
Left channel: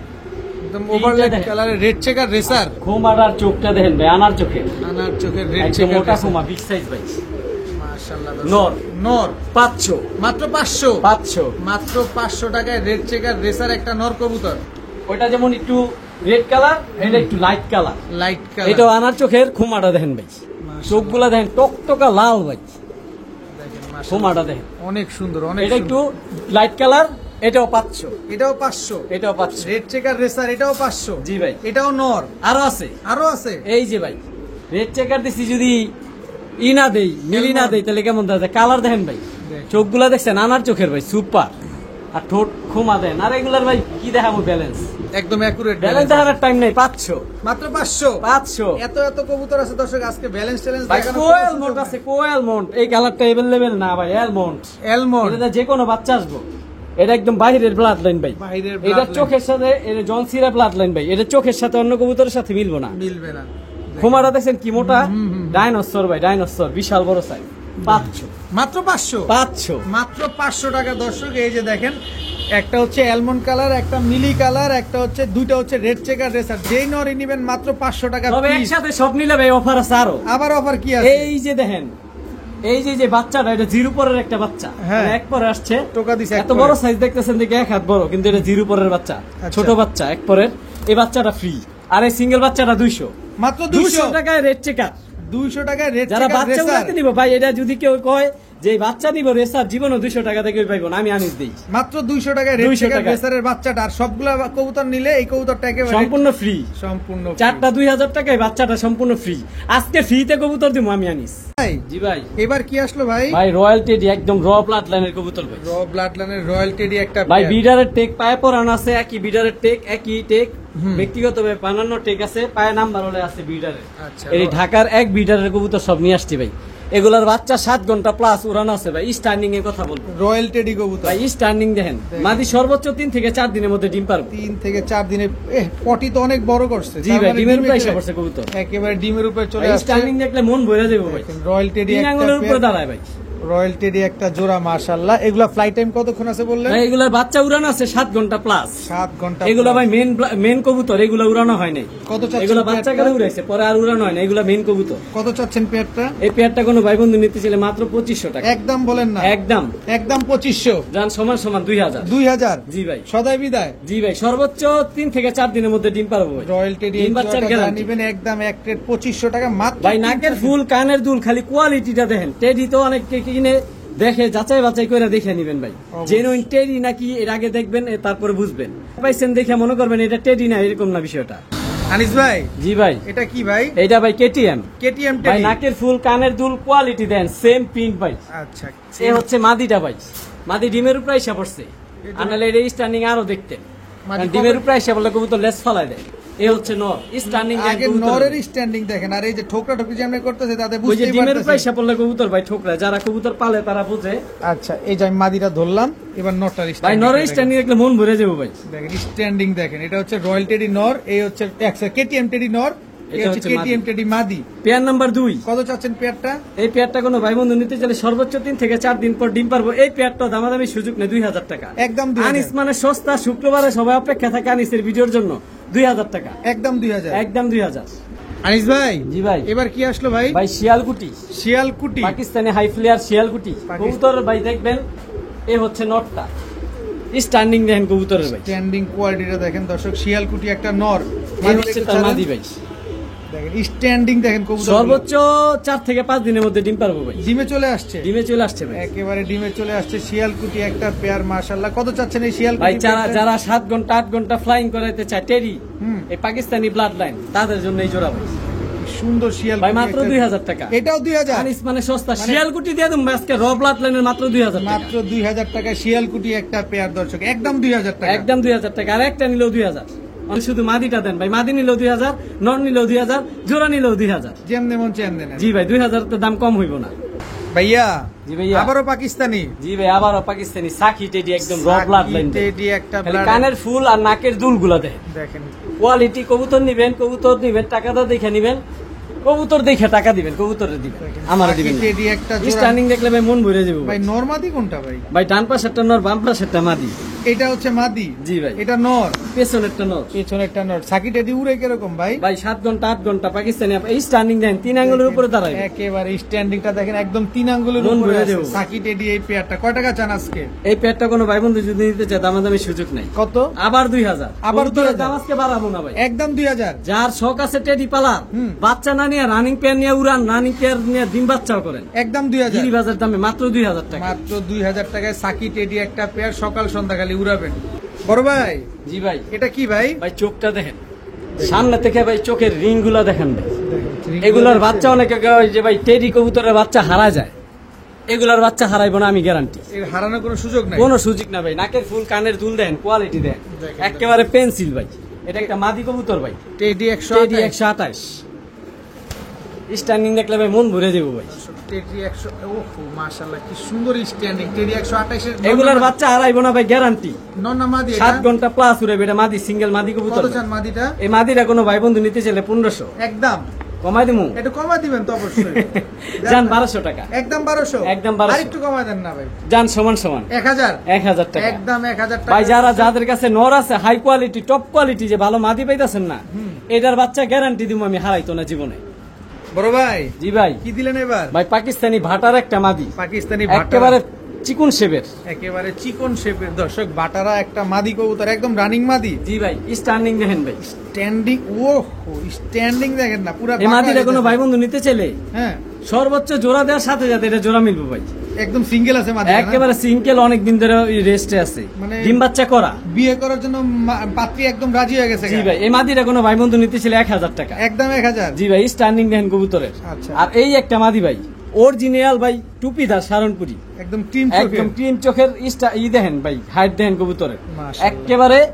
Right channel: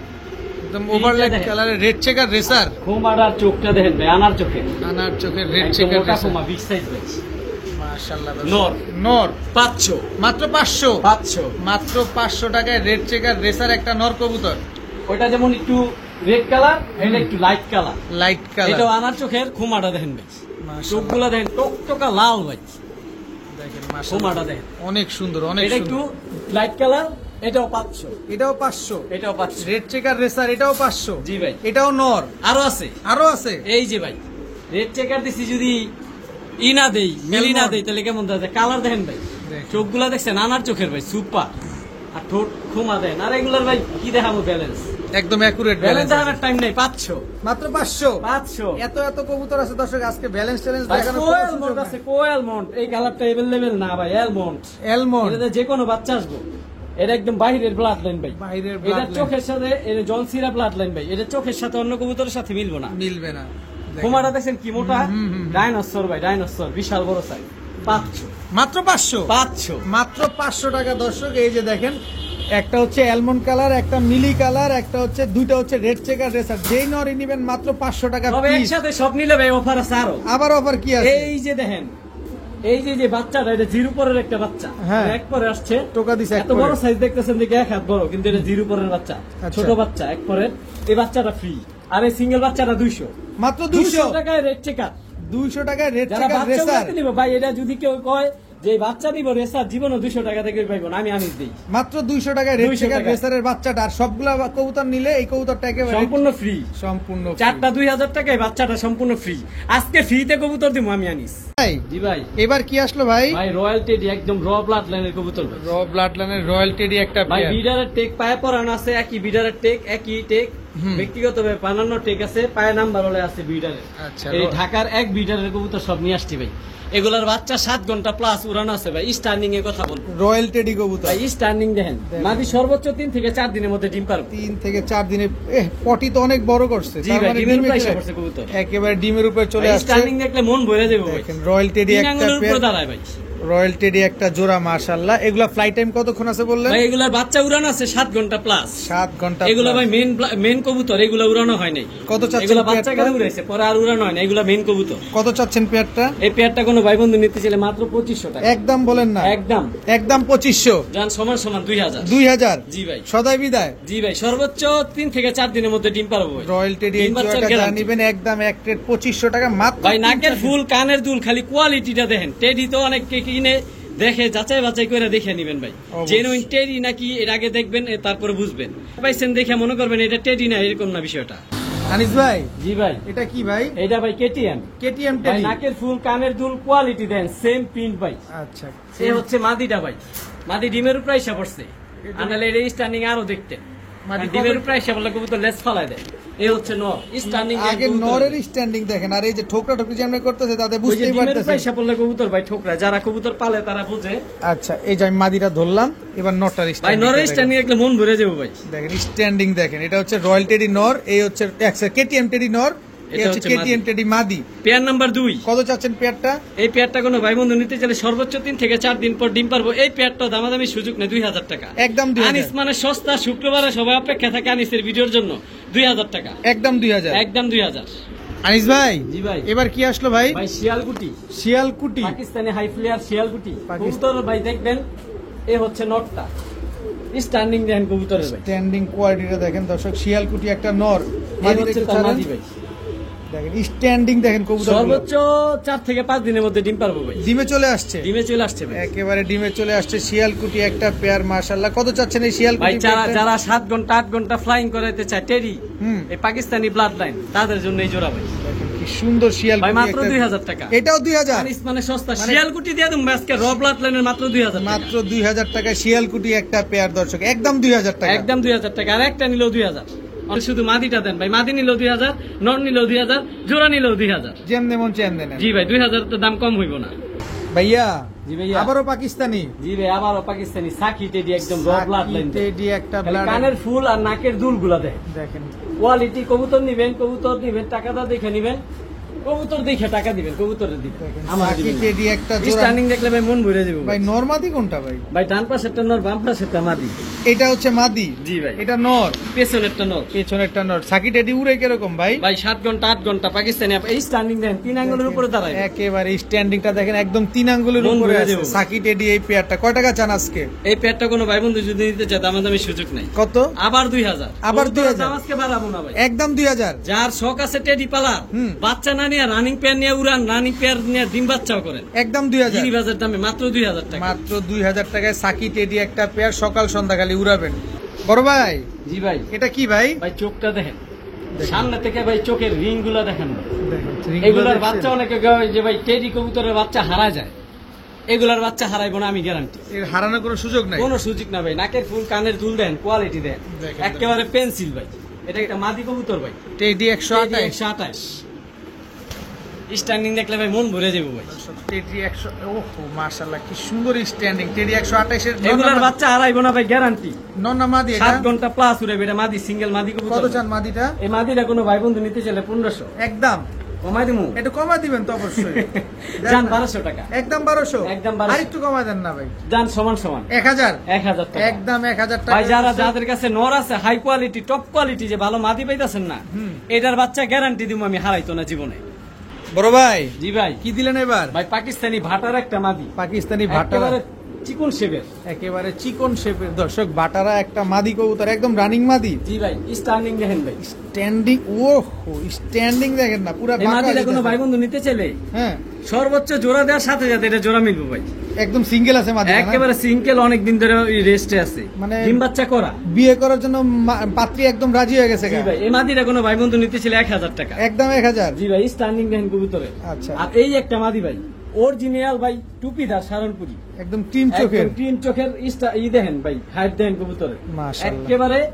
একদম ওভারলেট দেখেন। কালারের রেড চেকার রেসার। খোমাটার চোখটা দেখেন ভাই, আনার চোখে, আনার চোখের রেড একদম চেকার মোটা রেসার। খোমা, বিগ সাইজ ভাই। মাশাআল্লাহ নর। নর 500 মাত্র 500। 500। মাত্র 500 টাকায় রেড চেকার রেসার একটা নর কবুতর। ওটা যেমন একটু রেড কালার, এটা একটু লাইট কালার। Light colour. এটাও আনার চোখের, খোমাটা দেখেন ভাই, মাশাআল্লাহ। চোখগুলা দেখেন টকটকা লাল ভাই, দেখেন মাশাআল্লাহ খোমাটা দেখেন। অনেক সুন্দর, অনেক এটা একটু সুন্দর। লাইট কালার, এটাও 500। এটাও 500। এটাও 500। রেড চেকার রেসার এটাও 500। জি ভাই। এটাও নর। আরো আছে, আরো আছে। এই যে ভাই, রেড চেকার দিছি যদি ই না দেই, মিলি না দেই, তাহলে কেমন দেখা যায়? কালার দেখেন ভাই, দেখেন। চোখগুলা দেখছেন, আনার চোখের ভাই, সুপার। আর ঠোঁট খোমা দেন। আর এগুলার ভাই কি দেখাবো ব্যালেন্স, একদম অ্যাকুরেট ব্যালেন্স ব্যালেন্স। দেখানোর টাইম নেই। 500। মাত্র 500। 500। এত এত কবুতর আছে দর্শক, আজকে ব্যালেন্স চ্যালেঞ্জ ভাই দেখানো কোয়েল মন্ট আছে, কোয়েল মন্ট। এই কালারটা এভেলেবেল না ভাই, এলমন্ট। এলমন্ড। এটা যে কোনো বাচ্চা আসবো, এটা একদম বাইরের ব্লাড লাইন ভাই। বাইরের এটা blood line। চোখের সাথে, এটা জনসিরা ব্লাড লাইন ভাই। এটা চোখের সাথে অন্য কবুতরের সাথে মিলবো না। মিলবে না। খোমাটা দেখছেন কি মোটা, ডাইনোসর ভাই, ডাইনোসর, বিশাল বড় সাইজ। 500। মাত্র 500। 500। মাত্র 500 টাকা দর্শক। এই যে দেখেন, একটা হচ্ছে অ্যালমন্ড কালার, একটা মিলি কালার, একটা হচ্ছে, দুইটা হচ্ছে রেড চেকার রেসার। যেই নরই নিবেন মাত্র 500 টাকা তবে পিস। একসাথে সব নিলে ভাই অফার আছে আরো। আবার অফার কি আছে? এই যে দেখেন, এই যে বাচ্চাটা, এটা জিরো পরের একটা বাচ্চা, হ্যাঁ। এক পরে আসছে, টোকা দিছে এক এত বড় পরে। সাইজ দেখতেছেন দেখে এক হাত বড়, কিন্তু এটা জিরো পরের বাচ্চা, আচ্ছা। ছোট বাচ্চা, এক পরের। এই বাচ্চাটা ফ্রি, আর এই সিঙ্গেল বাচ্চাটা 200। মাত্র 200 টাকায় রেড চেকার। 200 টাকায় রেড যারা চেকার বাচ্চা রেসার। উঠাতে দিব ভাই, এটা যদি কেউ কয় যে এই বাচ্চা দিব রেসার, জীবনও 200 টাকা থেকে পাইব না, আমি আনিস দিই। মাত্র 200 টাকায় রেড 200 চেকার টাকা। রেসারের বাচ্চাটা। আর সবগুলা কবুতর নিলে এই কবুতরটা একেবারে সম্পূর্ণ ফ্রি, সম্পূর্ণ free। চারটা 2000 টাকায়, বাচ্চাটা সম্পূর্ণ ফ্রি। আজকে ফ্রিতে কবুতর দিব আমি আনিস। ভাই, জি ভাই। এবার কি আসলো ভাই? ভাই রয়্যাল টেডি, একদম র ব্লাড লাইনের কবুতর ভাই। র ব্লাড লাইনের রয়্যাল টেডি একটা ভাই pair। বিডারের টেক পায়ে পরানো আছে, একই বিডারের টেক, একই টেক, ব্যক্তিগত ভাবে বানানো টেক আছে, পায়ে নাম্বার হলে আছে বিডারের। আচ্ছা। এই ঢাকার এক বিডারের কবুতর সব নিয়ে আসছি ভাই। এগুলার বাচ্চা 7 ঘন্টা প্লাস উড়ানো আছে ভাই। স্ট্যান্ডিং এর কথা বলবো, রয়্যাল টেডি কবুতর ভাই স্ট্যান্ডিং দেখেন, মাদি সর্বোচ্চ 3 থেকে 4 দিনের মধ্যে ডিম পারবে। 3 থেকে 4 দিনে পটি তো অনেক বড় করছে, জি তার ভাই, মানে ডিমের ডিমে উপরে চলে- করছে কবুতর, একেবারে ডিমের উপর চলে আসছে। স্ট্যান্ডিং দেখলে মন ভরে যাবে ভাই। রয়্যাল টেডি তিন একটা আঙ্গুলের উপরে পেয়ার, দাঁড়ায় ভাই। রয়্যাল টেডি একটা জোড়া, মাশাআল্লাহ। এগুলা ফ্লাইট টাইম কতক্ষণ আছে বললেন? ভাই এগুলার বাচ্চা উড়ানো আছে 7 ঘন্টা প্লাস। 7 ঘন্টা। এগুলা ভাই মেন কবুতর, এগুলা উড়ানো হয় নাই। কত চাচ্ছেন এগুলা বাচ্চা পেয়ারটা? কেন উড়াইছে, পরে আর উড়ানো হয় না, এগুলা মেন কবুতর। কত চাচ্ছেন পেয়ারটা? এই পেয়ারটা কোনো ভাই বন্ধু নিতে চাইলে মাত্র 2500 টাকা একদম বলেন না, একদম। একদম 2500। যান সমান সমান 2000। 2000। জি ভাই, সদাই বিদায়। জি ভাই, সর্বোচ্চ 3 থেকে 4 দিনের মধ্যে ডিম পারবো ভাই। রয়্যাল টেডি এই ডিম বাচ্চার জোড়াটা guarantee। নিবেন একদম এক রেট 2500 টাকা মাত্র। ভাই নাকের ফুল, কানের দুল, খালি কোয়ালিটিটা দেখেন। টেডি তো অনেক কিনে দেখে যাচাই বাছাই করে দেখে নিবেন ভাই, অবশ্যই। জেনুইন টেডি নাকি এর আগে দেখবেন, তারপরে বুঝবেন। পাইছেন দেখে মনে করবেন এটা টেডি না, এরকম না বিষয়টা। আনিস ভাই, জি ভাই, এটা কি ভাই? এইটা ভাই কেটিএম। কেটিএম ভাই টেডি। নাকের ফুল, কানের দুল, কোয়ালিটি দেন, সেম প্রিন্ট ভাই। আচ্ছা, এ হচ্ছে মাদিটা ভাই, মাদি ডিমের উপরে এসে পড়ছে, আনালে এটা স্ট্যান্ডিং আরো দেখতে। মাদি ডিমের কবে- উপরে এসে বললে কবুতর লেস ফালাই দেয়। এই হচ্ছে নর স্ট্যান্ডিং। আগে নরের স্ট্যান্ডিং দেখেন, আর এই যে ঠোকরা ঠোকরি যেমন করতেছে তাতে ওই যে বুঝতেই ডিমের উপরে পারতেছেন। এসে পড়লে কবুতর ভাই ঠোকরা, যারা কবুতর পালে তারা বুঝে। আচ্ছা, এই যে আমি মাদিটা ধরলাম, এবার নরটার ভাই স্ট্যান্ডিং নরের স্ট্যান্ডিং দেখলে মন ভরে যাবে ভাই। দেখেন, স্ট্যান্ডিং দেখেন। এটা হচ্ছে রয়্যাল টেডি নর, এই হচ্ছে কেটিএম টেডি নর, এই এটা হচ্ছে হচ্ছে কেটিএম টেডি মাদি। Pair number 2। কত চাচ্ছেন পেয়ারটা? এই পেয়ারটা কোনো ভাই বন্ধু নিতে চাইলে সর্বোচ্চ 3 থেকে 4 দিন পর ডিম পারবো। এই পেয়ারটা দামাদামি সুযোগ নেই, 2000 টাকা একদম 2000। আনিস মানে সস্তা, শুক্রবারে সবাই অপেক্ষা থাকে আনিসের ভিডিওর জন্য। 2000 টাকা একদম 2000। একদম 2000। আনিস ভাই, জি ভাই, এবার কি আসলো ভাই? ভাই শিয়ালকুটি, শিয়ালকুটি। পাকিস্তানি হাই ফ্লেয়ার শিয়ালকুটি কবুতর ভাই। দেখবেন এই হচ্ছে নটটা, স্ট্যান্ডিং দেখেন কবুতরের ভাই, স্ট্যান্ডিং কোয়ালিটিটা দেখেন দর্শক। শিয়ালকুটি একটা নর, এই মাদি হচ্ছে একটু তার ছাড়েন। মাদি ভাই। দেখেন স্ট্যান্ডিং দেখেন কবুতর, সর্বোচ্চ 4 থেকে 5 দিনের মধ্যে ডিম পারবো ভাই। ডিমে চলে আসছে, ডিমে চলে আসছে ভাই। একেবারে ডিমে চলে আসছে। শিয়ালকুটি একটা পেয়ার, মাশাআল্লাহ। কত চাচ্ছেন এই ভাই শিয়ালকুটি যারা পেয়ারটা? যারা 7 ঘন্টা 8 ঘন্টা ফ্লাইং করাতে চায় টেরি, হুম। এই পাকিস্তানি ব্লাড লাইন, তাদের জন্য এই জোড়া ভাই। কি সুন্দর ভাই শিয়ালকুটি মাত্র একটা- 2000 টাকা। এটাও 2000। আনিস মানে সস্তা, শিয়ালকুটি দিয়ে দেবো আজকে র ব্লাড লাইনের মাত্র 2000 টাকা। মাত্র 2000 টাকা শিয়ালকুটি একটা পেয়ার দর্শক, একদম 2000 টাকা। একদম 2000 টাকা। আর একটা নিলেও 2000। আর শুধু মাদিটা দেন ভাই, মাদি নিলেও 2000, নন নিলেও 2000, জোড়া নিলেও 2000। যেমন মন চেন দেন। জি ভাই, 2000 তো দাম কম হইব না। ভাইয়া, জি ভাইয়া, আবারও পাকিস্তানি জি ভাই, আবারও পাকিস্তানি সাকি টেডি, একদম র ব্লাড লাইন। টেডি একটা খালি ব্লাড। কানের ফুল আর নাকের দুল গুলা দেয়। দেখেন কোয়ালিটি কবুতর নিবেন, কবুতর নিবেন, টাকাটা দেখে নিবেন, কবুতর দেখে টাকা দিবেন, কবুতরের দিবেন, আমার সাকি দিবেন। টেডি একটা জোড়া। স্ট্যান্ডিং দেখলে ভাই মন ভরে যাবে ভাই ভাই। নরমাদি কোনটা ভাই? ভাই ডান পাশেরটা নর, বাম পাশেরটা মাদি। এটা হচ্ছে মাদি, জি ভাই, এটা নর, পেছনেরটা নর। পেছনেরটা নর। সাকি টেডি উড়ে কিরকম ভাই? ভাই 7 ঘন্টা 8 ঘন্টা পাকিস্তানি এই স্ট্যান্ডিং দেন, 3 আঙ্গুলের উপরে দাঁড়ায়। একেবারে স্ট্যান্ডিংটা দেখেন, একদম 3 আঙ্গুলের মন উপরে ভরে আছে। যাবে। সাকি টেডি এই পেয়ারটা কয় টাকা চান আজকে? এই পেয়ারটা কোনো ভাই বন্ধু যদি নিতে চায় দামাদামি সুযোগ নেই। কত? আবার 2000। আবার কবুতরের 2000 দাম আজকে বাড়াবো না ভাই। একদম 2000। যার শখ আছে টেডি পালা, হুম। বাচ্চা না নিয়ে রানিং পেয়ার নিয়ে উড়ান, রানিং পেয়ার নিয়ে ডিম বাচ্চাও করেন। একদম 2000। গিরিবাজার দামে মাত্র 2000 টাকা। মাত্র 2000 টাকায় সাকি টেডি একটা পেয়ার, সকাল সন্ধ্যা খালি উড়াবেন। বড় ভাই, জি ভাই, এটা কি ভাই? ভাই চোখটা দেখেন, সামনে থেকে ভাই চোখের রিং গুলা দেখেন ভাই। দেখেন, এগুলার বাচ্চা অনেকে কয় যে ভাই টেডি কবুতরের বাচ্চা হারা যায়, এগুলার বাচ্চা হারাইবো না, আমি গ্যারান্টি। এর হারানোর কোনো সুযোগ নাই। কোনো সুযোগ না ভাই। নাকের ফুল, কানের দুল দেন, কোয়ালিটি দেন, দেখেন। একেবারে পেন্সিল ভাই। এটা একটা মাদি কবুতর ভাই, টেডি টেডি 128। 128। স্ট্যান্ডিং দেখলে ভাই মন ভরে যাবো ভাই। টেডি 100। ওহো মাশাআল্লাহ, কি সুন্দর স্ট্যান্ডিং। টেডি 128 এর এগুলার বাচ্চা হারাইবো না ভাই, গ্যারান্টি। নন্না মাদি। 7 ঘন্টা প্লাস উড়াবে, এটা মাদি, সিঙ্গেল মাদি কত কবুতর। চান মাদিটা? এই মাদিরা কোনো ভাই বন্ধু নিতে চাইলে 1500 একদম কমাই দিমু। একটু কমা দিবেন তো অবশ্যই। যান 1200 টাকা, একদম 1200। একদম 1200। আর একটু কমা দেন না ভাই। যান সমান সমান 1000। 1000 টাকা। একদম 1000 টাকা। ভাই যাদের কাছে নর আছে হাই কোয়ালিটি, টপ কোয়ালিটি, যে ভালো মাদি পাইতাছেন না, এটার বাচ্চা গ্যারান্টি দিব আমি, হারাইতো না জীবনে। বড় ভাই, জি ভাই, কি দিলেন এবার? ভাই পাকিস্তানি ভাটার একটা মাদি, পাকিস্তানি ভাটারা, একেবারে চিকুন শেপের। একেবারে চিকন শেপের দর্শক, বাটারা একটা মাদি কবুতর, একদম রানিং মাদি। জি ভাই, স্ট্যান্ডিং দেখেন ভাই, স্ট্যান্ডিং। ওহো, স্ট্যান্ডিং দেখেন না, পুরো এই মাদিটা কোনো ভাই বন্ধু নিতে চাইলে হ্যাঁ, সর্বোচ্চ জোড়া দেওয়ার সাথে সাথে এটা জোড়া মিলবে ভাই। একদম সিঙ্গেল আছে মাদি। একেবারে সিঙ্গেল, অনেক দিন ধরে রেস্টে আছে, মানে ডিম বাচ্চা করা। বিয়ে করার জন্য পাত্রী একদম রাজি হয়ে গেছে। জি ভাই, এই মাদিটা কোনো ভাই বন্ধু নিতে চাইলে 1000 টাকা। একদম 1000। জি ভাই, স্ট্যান্ডিং দেখেন কবুতরের। আচ্ছা। আর এই একটা মাদি ভাই, অরিজিনাল ভাই, টুপিদার সারনপুরি, একদম টিম চোখে। একদম ক্রিম চোখের ই দেখেন ভাই, হাইট দেখেন কবুতরের, মাশাআল্লাহ। একেবারে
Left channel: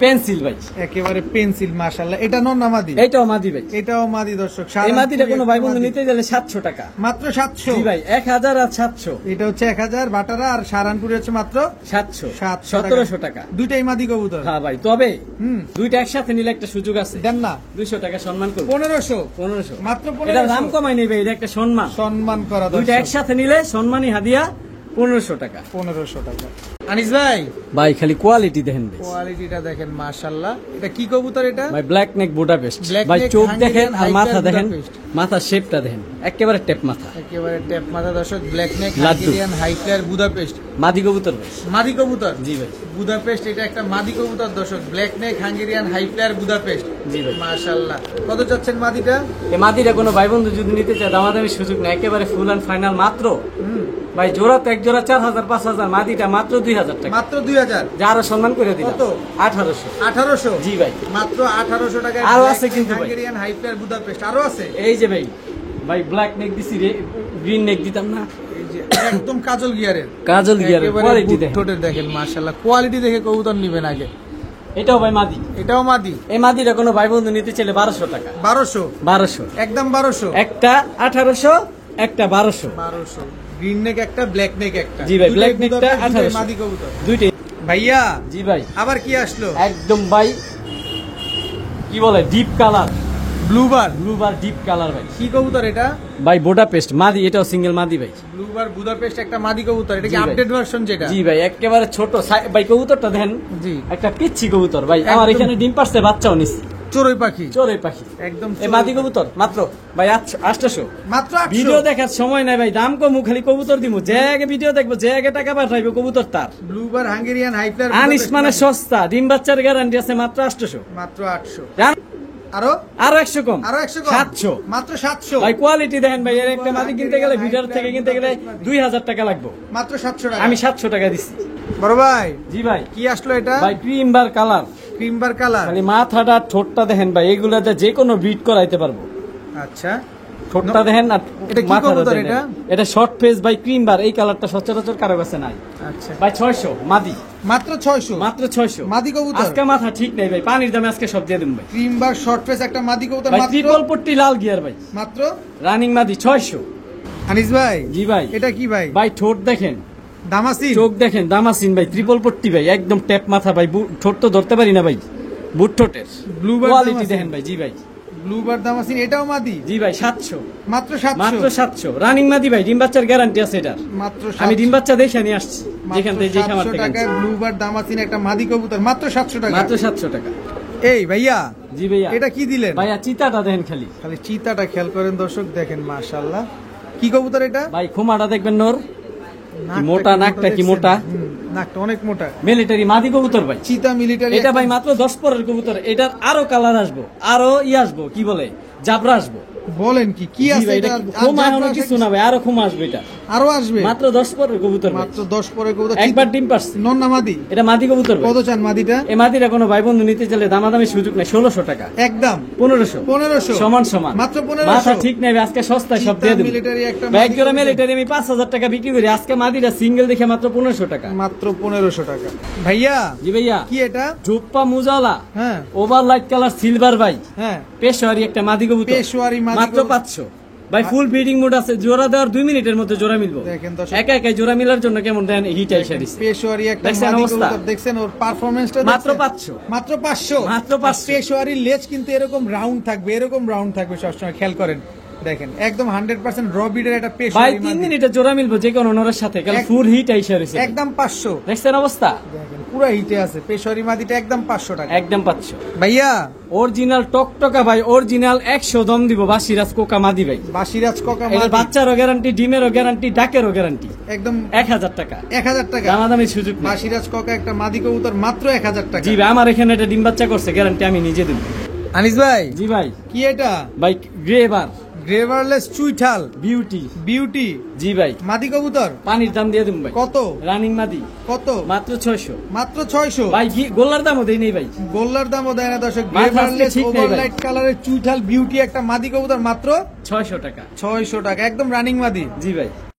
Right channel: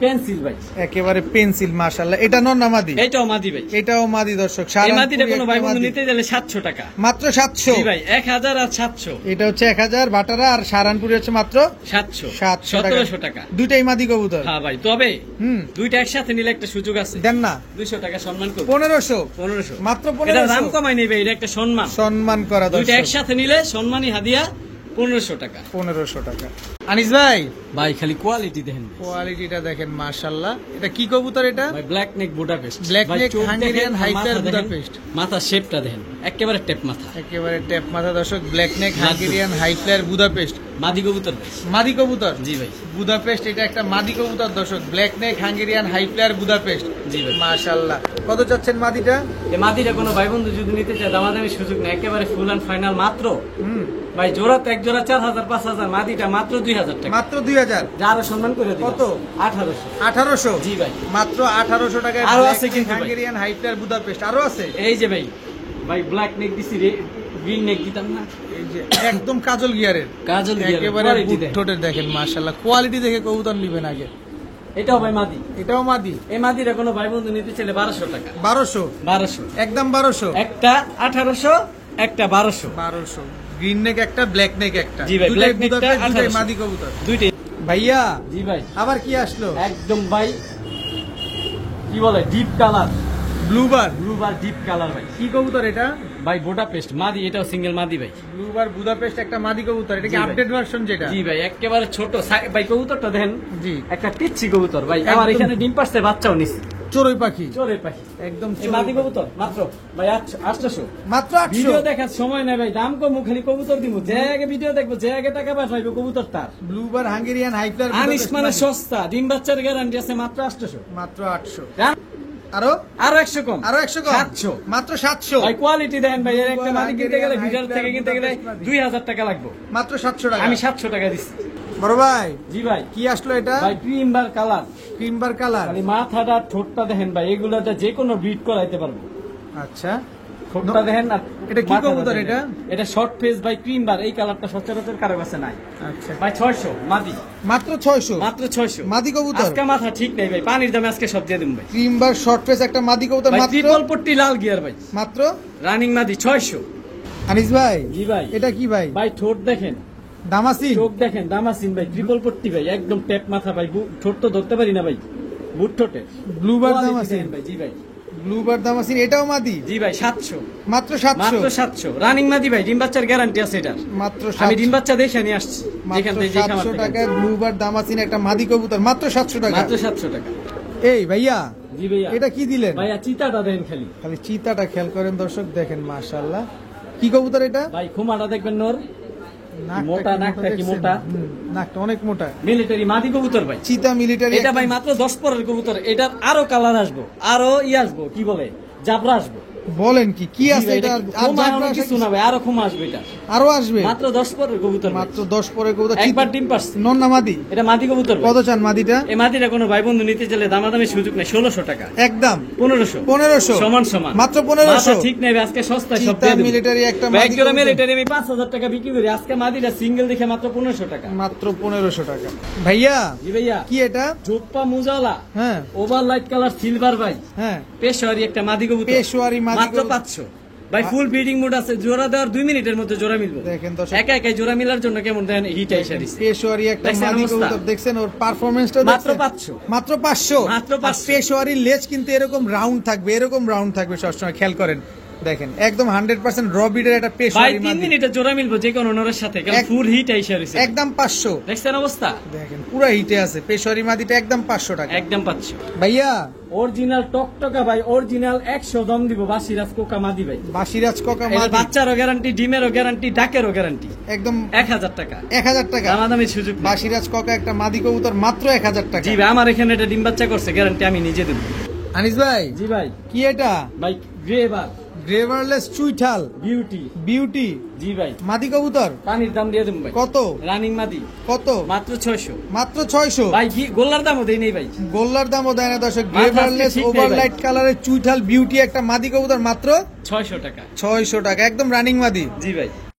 পেন্সিল ভাই, একেবারে পেন্সিল, মাশাআল্লাহ। এটা নর না মাদি? এটাও মাদি ভাই। এটাও মাদি দর্শক। এই মাদিটা কোনো ভাই বন্ধু নিতে গেলে 700 টাকা মাত্র। 700? জি ভাই, 1000 আর 700। এটা হচ্ছে 1000 বাটারা, আর সারানপুরি হচ্ছে মাত্র 700 1700 টাকা। দুইটাই মাদি কবুতর। হ্যাঁ ভাই, তবে হুম, দুইটা একসাথে নিলে একটা সুযোগ আছে, দেন না? 200 টাকা সম্মান করব। 1500 মাত্র 1500। এটা দাম কমাই নেই ভাই, এটা একটা সম্মান। সম্মান করা দুইটা দর্শক। একসাথে নিলে সম্মানী হাদিয়া 1500 টাকা। 1500 টাকা। আনিস ভাই, ভাই খালি কোয়ালিটি দেখেন কোয়ালিটিটা দেখেন মাশাআল্লাহ। এটা কি কবুতর এটা? ভাই, ব্ল্যাক নেক বুডাপেস্ট। Black ভাই neck চোখ Hungarian দেখেন আর মাথা Hyper দেখেন, Budapest। মাথা শেপটা দেখেন, একেবারে টেপ মাথা। একেবারে ট্যাপ মাথা দর্শক। ব্ল্যাক নেক লাড্ডু। হাঙ্গেরিয়ান হাই ফ্লায়ার বুদাপেস্ট মাদি কবুতর ভাই। মাদি কবুতর। জি ভাই, বুদাপেস্ট, এটা একটা মাদি কবুতর দর্শক। Black neck Hungarian high flyer Budapest. জি ভাই। মাশাআল্লাহ। কত চাচ্ছেন মাদিটা? এই মাদিটা কোনো ভাই বন্ধু যদি নিতে চায় দামাদামি সুযোগ নেই, একেবারে ফুল অ্যান্ড ফাইনাল মাত্র। হুম, ভাই জোড়া তো এক জোড়া 4000 5000, মাদিটা মাত্র 2000 টাকা। মাত্র 2000। যারও সম্মান করে দিলাম। কত? 1800। 1800? জি ভাই, মাত্র 1800 টাকায় আরো আছে কিন্তু ভাই। হাঙ্গেরিয়ান হাই ফ্লায়ার বুদাপেস্ট আরো আছে। এই যে ভাই, ভাই ব্ল্যাক নেক দিছি রে, গ্রিন নেক দিতাম না। এই যে একদম কাজল গিয়ারের, কাজল গিয়ার একেবারে ঠোঁটের দেখেন মাশাআল্লাহ। কোয়ালিটি দেখে কবুতর নিবেন আগে। এটাও ভাই মাদি। এটাও মাদি। এই মাদিটা কোনো ভাই বন্ধু নিতে চাইলে 1200 টাকা। 1200 একদম 1200। একটা 1800, একটা 1200। 1200 গ্রিন নেক একটা, ব্ল্যাক নেক একটা। জি ভাই, দুইটাই black neck টা বুদাপেস্ট, দুইটাই 1800 মাদি কবুতর। দুইটাই। ভাইয়া, জি ভাই, আবার কি আসলো? একদম ভাই কি বলে ডিপ কালার, ব্লুবার। ব্লুবার ডিপ কালার ভাই। কি কবুতর এটা? ভাই বুডাপেস্ট মাদি, এটাও সিঙ্গেল মাদি ভাই। ব্লুবার বুদাপেস্ট একটা মাদি কবুতর। এটা কি জি ভাই। আপডেট ভার্সন যেটা? জি ভাই, একেবারে ছোট ভাই কবুতরটা দেখেন, জি, একটা পিচ্ছি কবুতর ভাই। আমার একদম। এখানে ডিম পারছে, বাচ্চাও নিছি। চড়ুই পাখি। চোরের পাখি একদম এই মাদি কবুতর মাত্র ভাই 800। মাত্র ভিডিও 800। দেখার সময় নাই ভাই, দাম কম, খালি কবুতর দিমু। যে আগে ভিডিও দেখবো, যে আগে টাকা পাঠাইবো, কবুতর তার। ব্লুবার হাঙ্গেরিয়ান হাই ফ্লায়ার আনিস মানে সস্তা, ডিম বাচ্চার গ্যারান্টি আছে মাত্র 800। মাত্র 800। জান? আরো আরো 100 কম, আরো 100 কম। 700। মাত্র 700। ভাই কোয়ালিটি দেখেন ভাই, এর একটা মাদি কিনতে গেলে, ভিডিও থেকে কিনতে গেলে 2000 টাকা লাগবে। মাত্র 700 টাকা। আমি 700 টাকা দিচ্ছি। বড় ভাই, জি ভাই, কি আসলো এটা? ভাই ক্রিমবার কালার, ক্রিমবার কালার। মানে মাথাটা ঠোঁটটা দেখেন ভাই, এগুলাতে যে কোনো বিট করাইতে পারবো। আচ্ছা, ঠোঁটটা দেখেন না। এটা কি মাথাটা কবুতর দেখেন। এটা? এটা শর্ট ফেস ভাই ক্রিমবার, এই কালারটা সচরাচর কারো কাছে নাই। আচ্ছা, ভাই 600 মাদি, মাত্র 600। মাত্র 600 মাদি কবুতর। আজকে মাথা ঠিক নেই ভাই, পানির দামে আজকে সব দিয়ে দিন ভাই। ক্রিমবার শর্ট ফেস একটা মাদি কবুতর ভাই মাত্র ট্রিপল পট্টি লাল গিয়ার ভাই, মাত্র। রানিং মাদি 600। আনিস ভাই, জি ভাই, এটা কি ভাই? ভাই ঠোঁট দেখেন, দামাসি। চোখ দেখেন, দামাসিন ভাই, ট্রিপল পট্টি ভাই, একদম ট্যাপ মাথা ভাই। ঠোঁট তো ধরতে পারি না ভাই, বুট ঠোঁটের। ব্লুবার কোয়ালিটি দামাসি। দেখেন ভাই। জি ভাই, ব্লুবার দামাসি, এটাও মাদি। জি ভাই 700, মাত্র মাত্র 700। 700 রানিং মাদি ভাই, ডিম বাচ্চার গ্যারান্টি আছে এটার। মাত্র আমি 700। ডিম বাচ্চা দেখে নিয়ে আসছি, যেখান মাত্র থেকে যে খামার 700 থেকে টাকায় আনছি। ব্লুবার দামাসিন একটা মাদি কবুতর মাত্র 700 টাকা। মাত্র 700 টাকা। এই ভাইয়া, জি ভাইয়া, এটা কি দিলেন? ভাইয়া চিতাটা দেখেন খালি। খালি চিতাটা খেয়াল করেন দর্শক, দেখেন মাশাআল্লাহ। কি কবুতর এটা? ভাই খুমাটা দেখবেন নোর, নাকটা মোটা, নাকটা কি দেখছেন? মোটা। নাকটা অনেক মোটা। মিলিটারি মাদি কবুতর ভাই। চিতা মিলিটারি। এটা ভাই মাত্র 10 পরের কবুতর, এটার আরো কালার আসবো, আরো আসবো, কি বলে জাবরা আসবো। বলেন কি কি জি আছে ভাই, এটা? এটা খুমা এমন কিছু না ভাই, আরো খুমা আসবে এটা। আরো আসবে? মাত্র 10 পরের কবুতর ভাই। মাত্র 10 পরে কবুতর। একবার ডিম পারছে। নন না মাদি? এটা মাদি কবুতর ভাই। কত চান মাদিটা? এই মাদিটা কোনো ভাই বন্ধু নিতে চাইলে দামাদামি সুযোগ নেই, 1600 টাকা। একদম 1500 1500 সমান সমান। মাত্র 1500। মাথা ঠিক নেই ভাই, আজকে সস্তায় সব চিতা দিয়ে দিই। মিলিটারি একটা ব্যাগ মাদি জোড়া কবুতর। মিলিটারি আমি 5000 টাকা বিক্রি করি, আজকে মাদিটা সিঙ্গেল দেখে মাত্র 1500 টাকা। মাত্র 1500 টাকা। ভাইয়া, জি ভাইয়া, কি এটা? জোপ্পা মুজালা হ্যাঁ ওভার লাইট কালার সিলভার ভাই, হ্যাঁ, পেশোয়ারি একটা মাদি কবুতর, পেশোয়ারি মাদি মাত্র কবুতর। 500 ভাই। ফুল ব্রিডিং মোড আছে, জোড়া দেওয়ার 2 মিনিটের মধ্যে জোড়া মিলবে। দেখেন দর্শক, একা একাই জোড়া মিলার জন্য কেমন দেন হিট আইসা দিছে। পেশোয়ারি একটা দেখছেন মাদি অবস্থা? কবুতর, দেখছেন ওর পারফরম্যান্সটা? মাত্র 500। মাত্র 500। মাত্র 500। পেশোয়ারি লেজ কিন্তু এরকম রাউন্ড থাকবে, এরকম রাউন্ড থাকবে সবসময়, খেয়াল করেন। দেখেন একদম 100% র বিডের একটা ভাই পেশোয়ারি 3 মাদি, মিনিটে জোড়া মিলবে যে কোনো ওনার সাথে, কারণ ফুল হিট আইসা দিছে। একদম 500। দেখছেন অবস্থা? দেখেন পুরো হিটে আছে পেশোয়ারি মাদিটা, একদম 500 টাকা। একদম 500 ভাইয়া, অরিজিনাল টকটকা ভাই, অরিজিনাল 100 দম দিব বাসিরাজ কোকা মাদি ভাই। বাসিরাজ কোকা এই মাদি, বাচ্চারও গ্যারান্টি, ডিমেরও গ্যারান্টি, ডাকেরও গ্যারান্টি। একদম 1000 টাকা 1000 টাকা। দামাদামি সুযোগ নেই। বাসিরাজ কোকা একটা মাদি কবুতর মাত্র 1000 টাকা। জি ভাই, আমার এখানে এটা ডিম বাচ্চা করছে, গ্যারান্টি আমি নিজে দিব। আনিস ভাই, জি ভাই, কি এটা? ভাই গ্রেভার গ্রেভারলেস চুইঠাল বিউটি। বিউটি জি ভাই, মাদি কবুতর পানির দাম দিয়ে দিন ভাই। কত? রানিং মাদি কত? মাত্র 600 মাত্র 600। ভাই। গোল্লার দামও দেই নেই ভাই, গোল্লার দামও দেয় না দর্শক। মাথা গ্রেভারলেস ঠিক নেই ভাই। ওভারলাইট কালারের চুইঠাল বিউটি একটা মাদি কবুতর মাত্র 600 টাকা। 600 টাকা, একদম রানিং মাদি। জি ভাই।